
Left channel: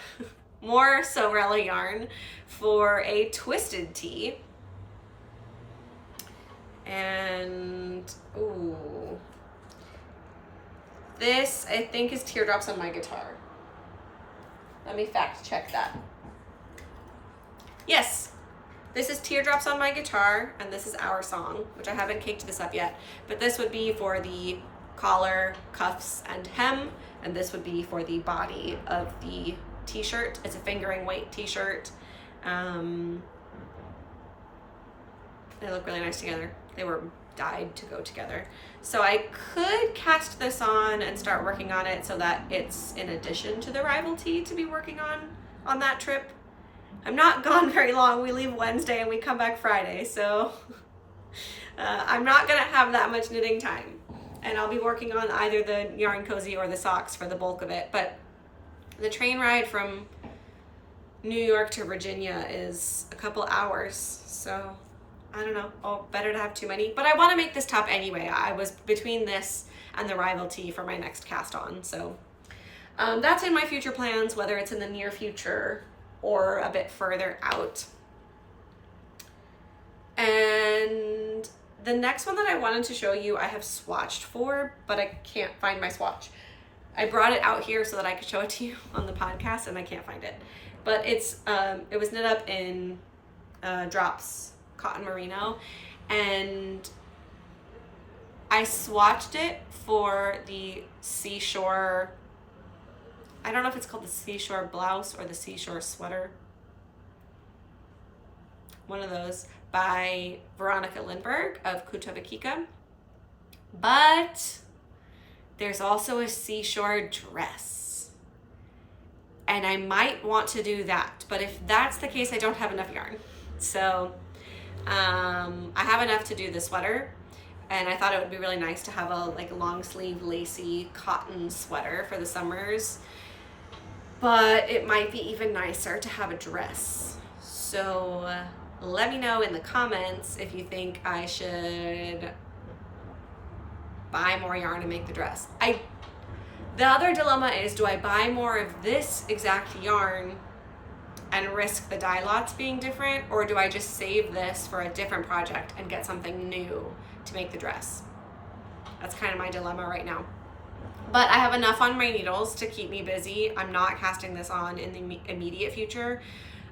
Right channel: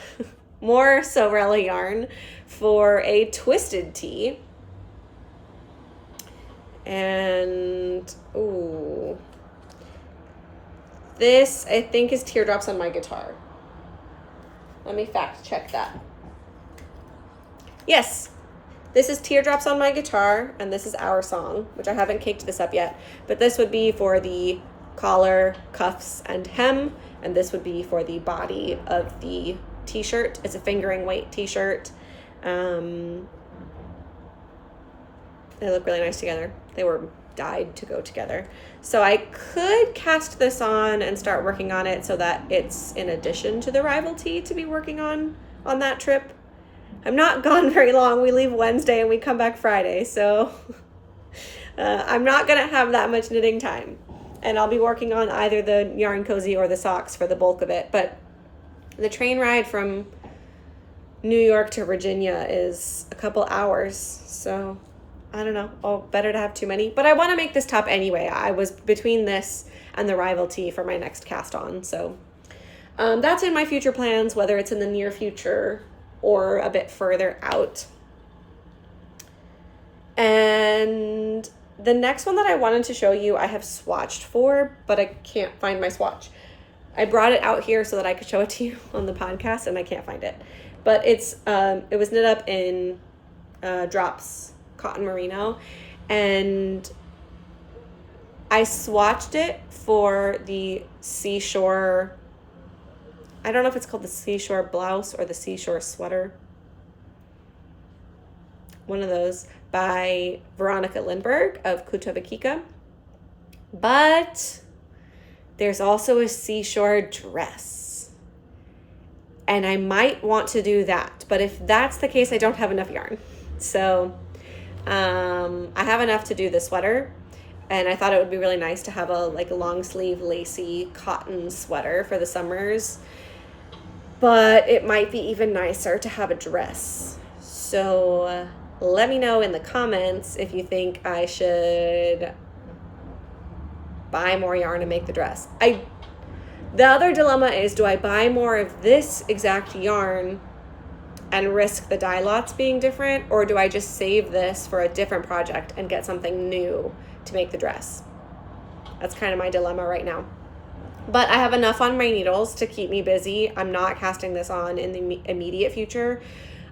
more Sorella yarn for a twisted tee. And, ooh. This, I think, is Teardrops on My Guitar. Let me fact check that. Yes, this is Teardrops on My Guitar, and this is Our Song, which I haven't caked this up yet. But this would be for the collar, cuffs, and hem, and this would be for the body of the t-shirt. It's a fingering weight t-shirt. They look really nice together. They were dyed to go together. So I could cast this on and start working on it so that it's in addition to the rival tee to be working on that trip. I'm not gone very long. We leave Wednesday and we come back Friday, so I'm not gonna have that much knitting time. And I'll be working on either the yarn cozy or the socks for the bulk of it. But the train ride from New York to Virginia is a couple hours, so I don't know. Oh, better to have too many. But I want to make this top anyway. I was between this and the rival tee for my next cast on. So that's in my future plans, whether it's in the near future or a bit further out. And the next one that I wanted to show you, I have swatched for, but I can't find my swatch. I brought it out here so that I could show it to you on the podcast, and I can't find it. But it was knit up in Drops Cotton Merino, and I swatched it for the Seashore, I don't know if it's called the Seashore blouse or the Seashore sweater. One of those, by Veronica Lindberg of Kutovakika. But there's also a Seashore dress, and I might want to do that. But if that's the case, I don't have enough yarn. So I have enough to do the sweater, and I thought it would be really nice to have a long sleeve lacy cotton sweater for the summers. But it might be even nicer to have a dress. So let me know in the comments if you think I should buy more yarn and make the dress. The other dilemma is, do I buy more of this exact yarn and risk the dye lots being different, or do I just save this for a different project and get something new to make the dress? That's kind of my dilemma right now. But I have enough on my needles to keep me busy. I'm not casting this on in the immediate future.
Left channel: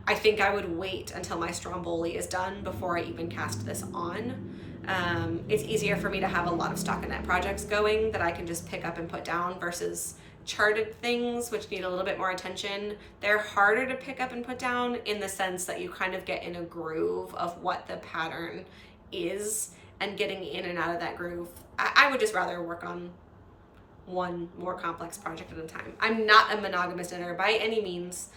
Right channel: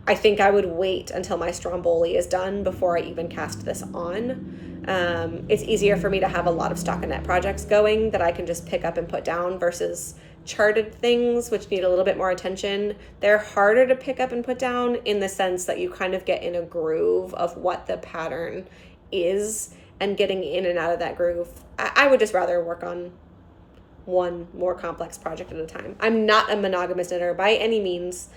I think I would wait until my Stromboli is done before I even cast this on. It's easier for me to have a lot of stockinette projects going that I can just pick up and put down versus charted things, which need a little bit more attention. They're harder to pick up and put down in the sense that you kind of get in a groove of what the pattern is, and getting in and out of that groove. I would just rather work on one more complex project at a time. I'm not a monogamous knitter by any means,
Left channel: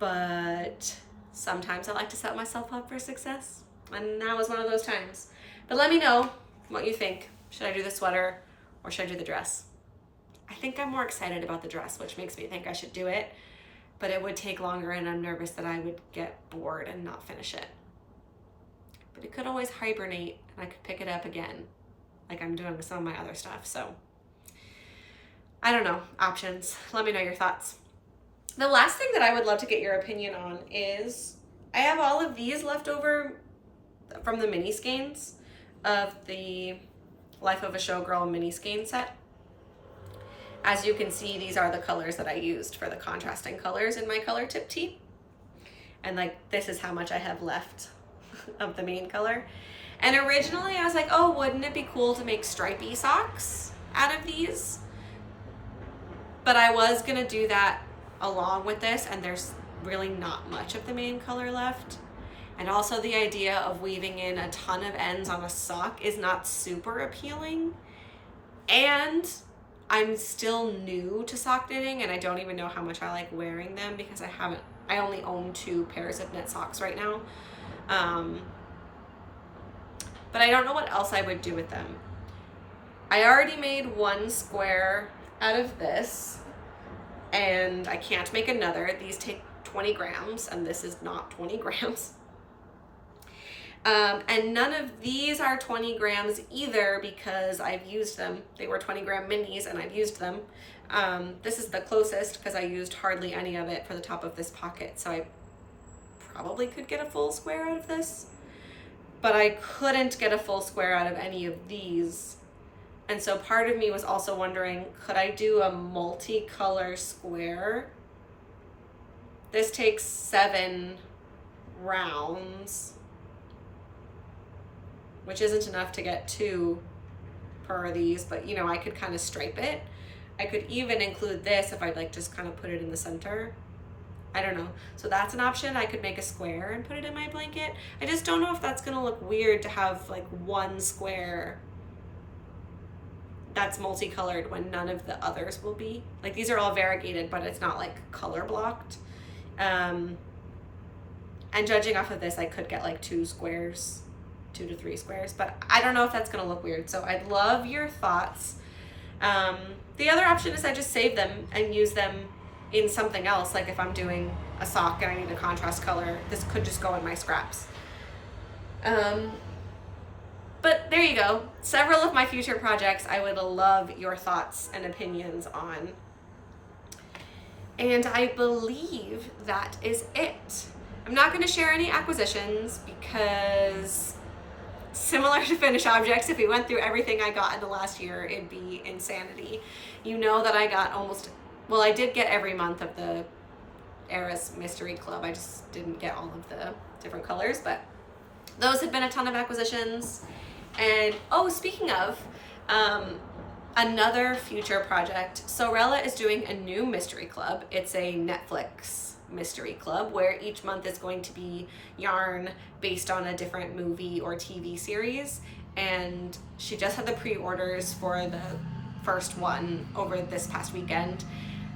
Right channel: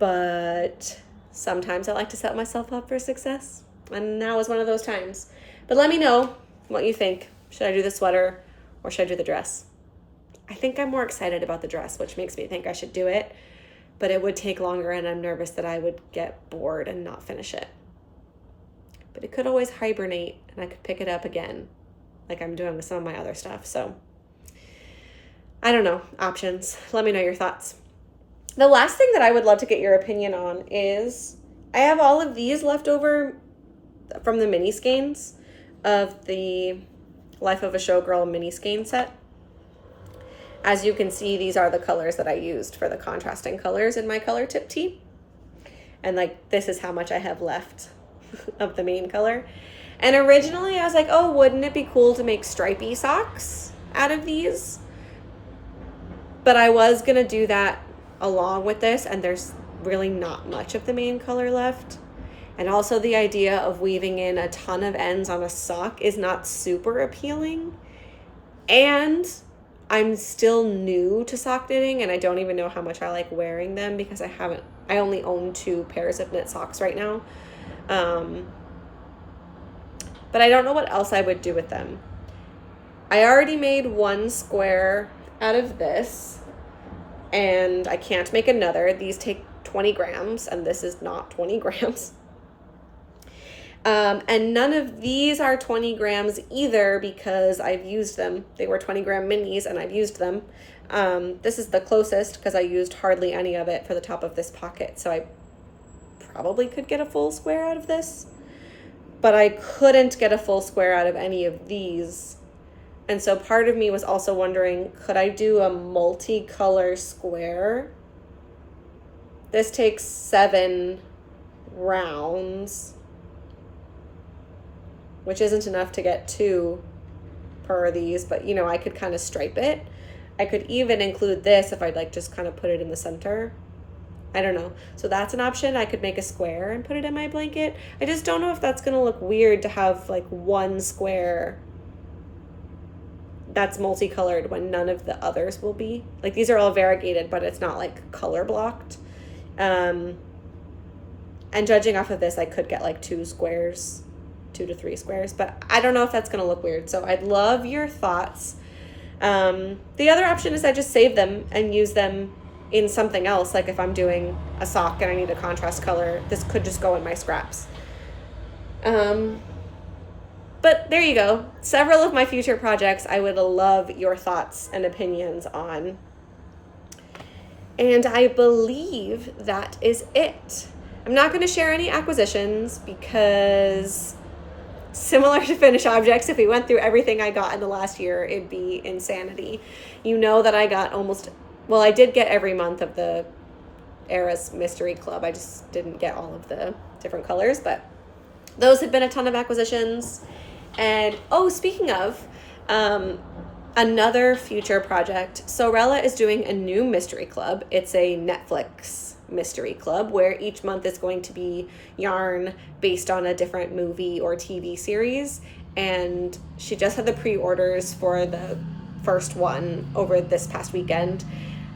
but sometimes I like to set myself up for success, and now is one of those times. But let me know what you think. Should I do the sweater or should I do the dress? I think I'm more excited about the dress, which makes me think I should do it, but it would take longer, and I'm nervous that I would get bored and not finish it. But it could always hibernate, and I could pick it up again like I'm doing with some of my other stuff. So I don't know, options. Let me know your thoughts. The last thing that I would love to get your opinion on is, I have all of these left over from the mini skeins of the Life of a Showgirl mini skein set. As you can see, these are the colors that I used for the contrasting colors in my color tip tee. And this is how much I have left of the main color. And originally I was like, oh, wouldn't it be cool to make stripy socks out of these? But I was gonna do that along with this, and there's really not much of the main color left. And also the idea of weaving in a ton of ends on a sock is not super appealing. And I'm still new to sock knitting, and I don't even know how much I like wearing them because I only own 2 pairs of knit socks right now. But I don't know what else I would do with them. I already made 1 square out of this, and I can't make another. These take 20 grams, and this is not 20 grams. And none of these are 20 grams either because I've used them. They were 20 gram minis and I've used them. This is the closest because I used hardly any of it for the top of this pocket. So I probably could get a full square out of this, but I couldn't get a full square out of any of these. And so part of me was also wondering, could I do a multicolor square? This takes 7 rounds, which isn't enough to get 2 per these, but I could kind of stripe it. I could even include this if I'd just kind of put it in the center. I don't know. So that's an option. I could make a square and put it in my blanket. I just don't know if that's gonna look weird to have 1 square that's multicolored when none of the others will be. These are all variegated, but it's not color blocked. And judging off of this, I could get 2 squares, 2 to 3 squares, but I don't know if that's gonna look weird. So I'd love your thoughts. The other option is I just save them and use them in something else. If I'm doing a sock and I need a contrast color, this could just go in my scraps. But there you go. Several of my future projects I would love your thoughts and opinions on. And I believe that is it. I'm not going to share any acquisitions because similar to finished objects. If we went through everything I got in the last year, it'd be insanity. You know that I got I did get every month of the Era's Mystery Club. I just didn't get all of the different colors, but those have been a ton of acquisitions. And speaking of, another future project, Sorella is doing a new mystery club. It's a Netflix mystery club where each month is going to be yarn based on a different movie or TV series. And she just had the pre-orders for the first one over this past weekend,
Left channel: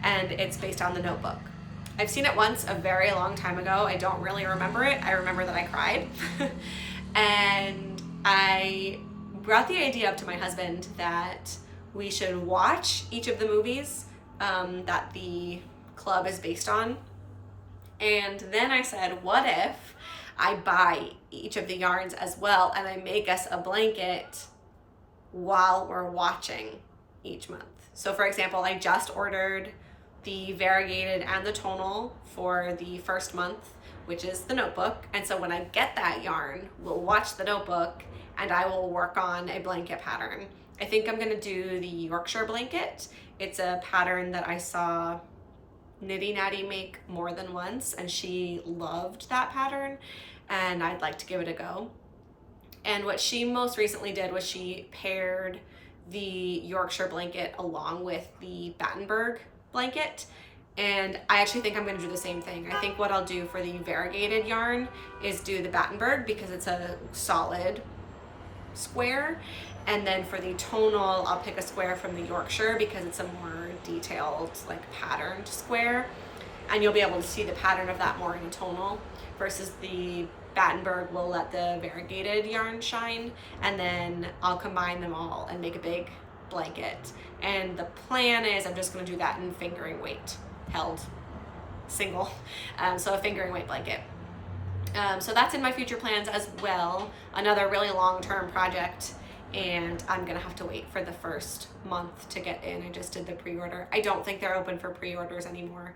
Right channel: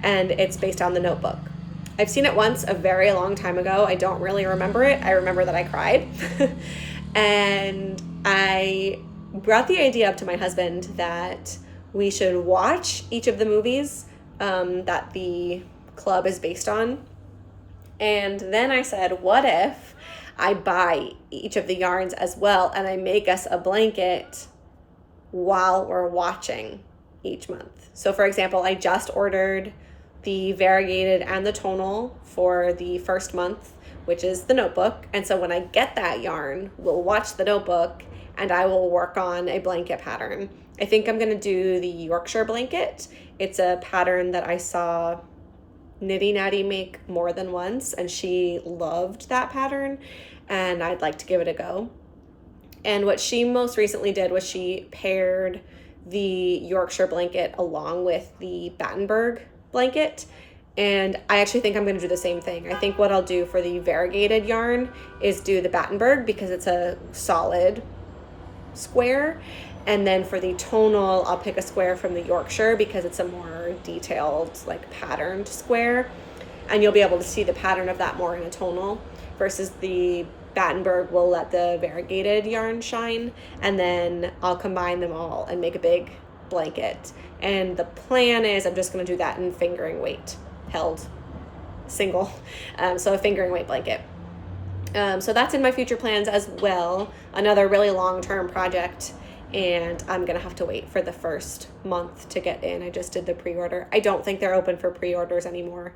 and it's based on The Notebook. I've seen it once a very long time ago. I don't really remember it. I remember that I cried. And I brought the idea up to my husband that we should watch each of the movies that the club is based on. And then I said, what if I buy each of the yarns as well and I make us a blanket while we're watching each month? So for example, I just ordered the variegated and the tonal for the first month, which is The Notebook. And so when I get that yarn, we'll watch The Notebook and I will work on a blanket pattern. I think I'm gonna do the Yorkshire blanket. It's a pattern that I saw Nitty Natty make more than once, and she loved that pattern, and I'd like to give it a go. And what she most recently did was she paired the Yorkshire blanket along with the Battenberg blanket, and I actually think I'm going to do the same thing. I think what I'll do for the variegated yarn is do the Battenberg because it's a solid square, and then for the tonal I'll pick a square from the Yorkshire because it's a more detailed, like, patterned square, and you'll be able to see the pattern of that more in a tonal, versus the Battenberg will let the variegated yarn shine, and then I'll combine them all and make a big blanket. And the plan is I'm just going to do that in fingering weight held single, so a fingering weight blanket. So that's in my future plans as well, another really long-term project, and I'm gonna have to wait for the first month to get in. I just did the pre-order. I don't think they're open for pre-orders anymore.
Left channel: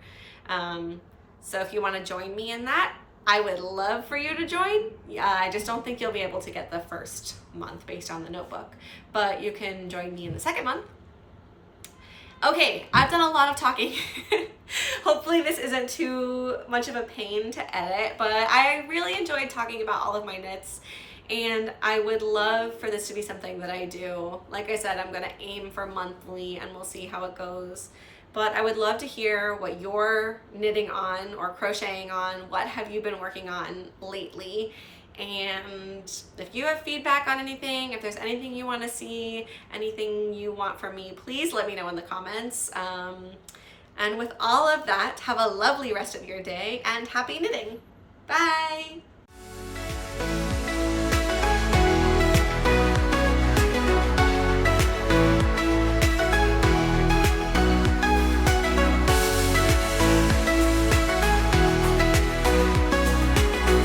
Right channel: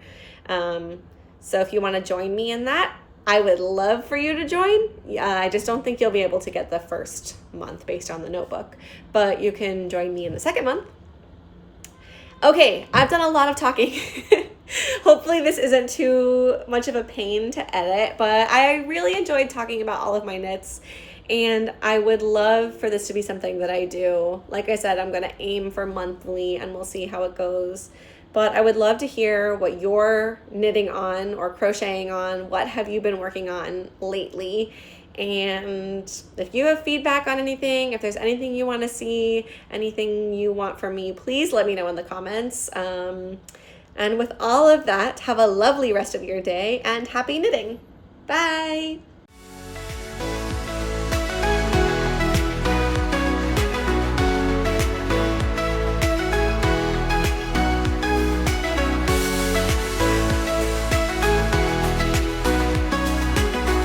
So if you want to join me in that, I would love for you to join. I just don't think you'll be able to get the first month based on The Notebook, but you can join me in the second month. Okay, I've done a lot of talking. Hopefully this isn't too much of a pain to edit, but I really enjoyed talking about all of my knits, and I would love for this to be something that I do. Like I said, I'm gonna aim for monthly and we'll see how it goes. But I would love to hear what you're knitting on or crocheting on. What have you been working on lately? And if you have feedback on anything, if there's anything you want to see, anything you want from me, please let me know in the comments. And with all of that, have a lovely rest of your day and happy knitting. Bye.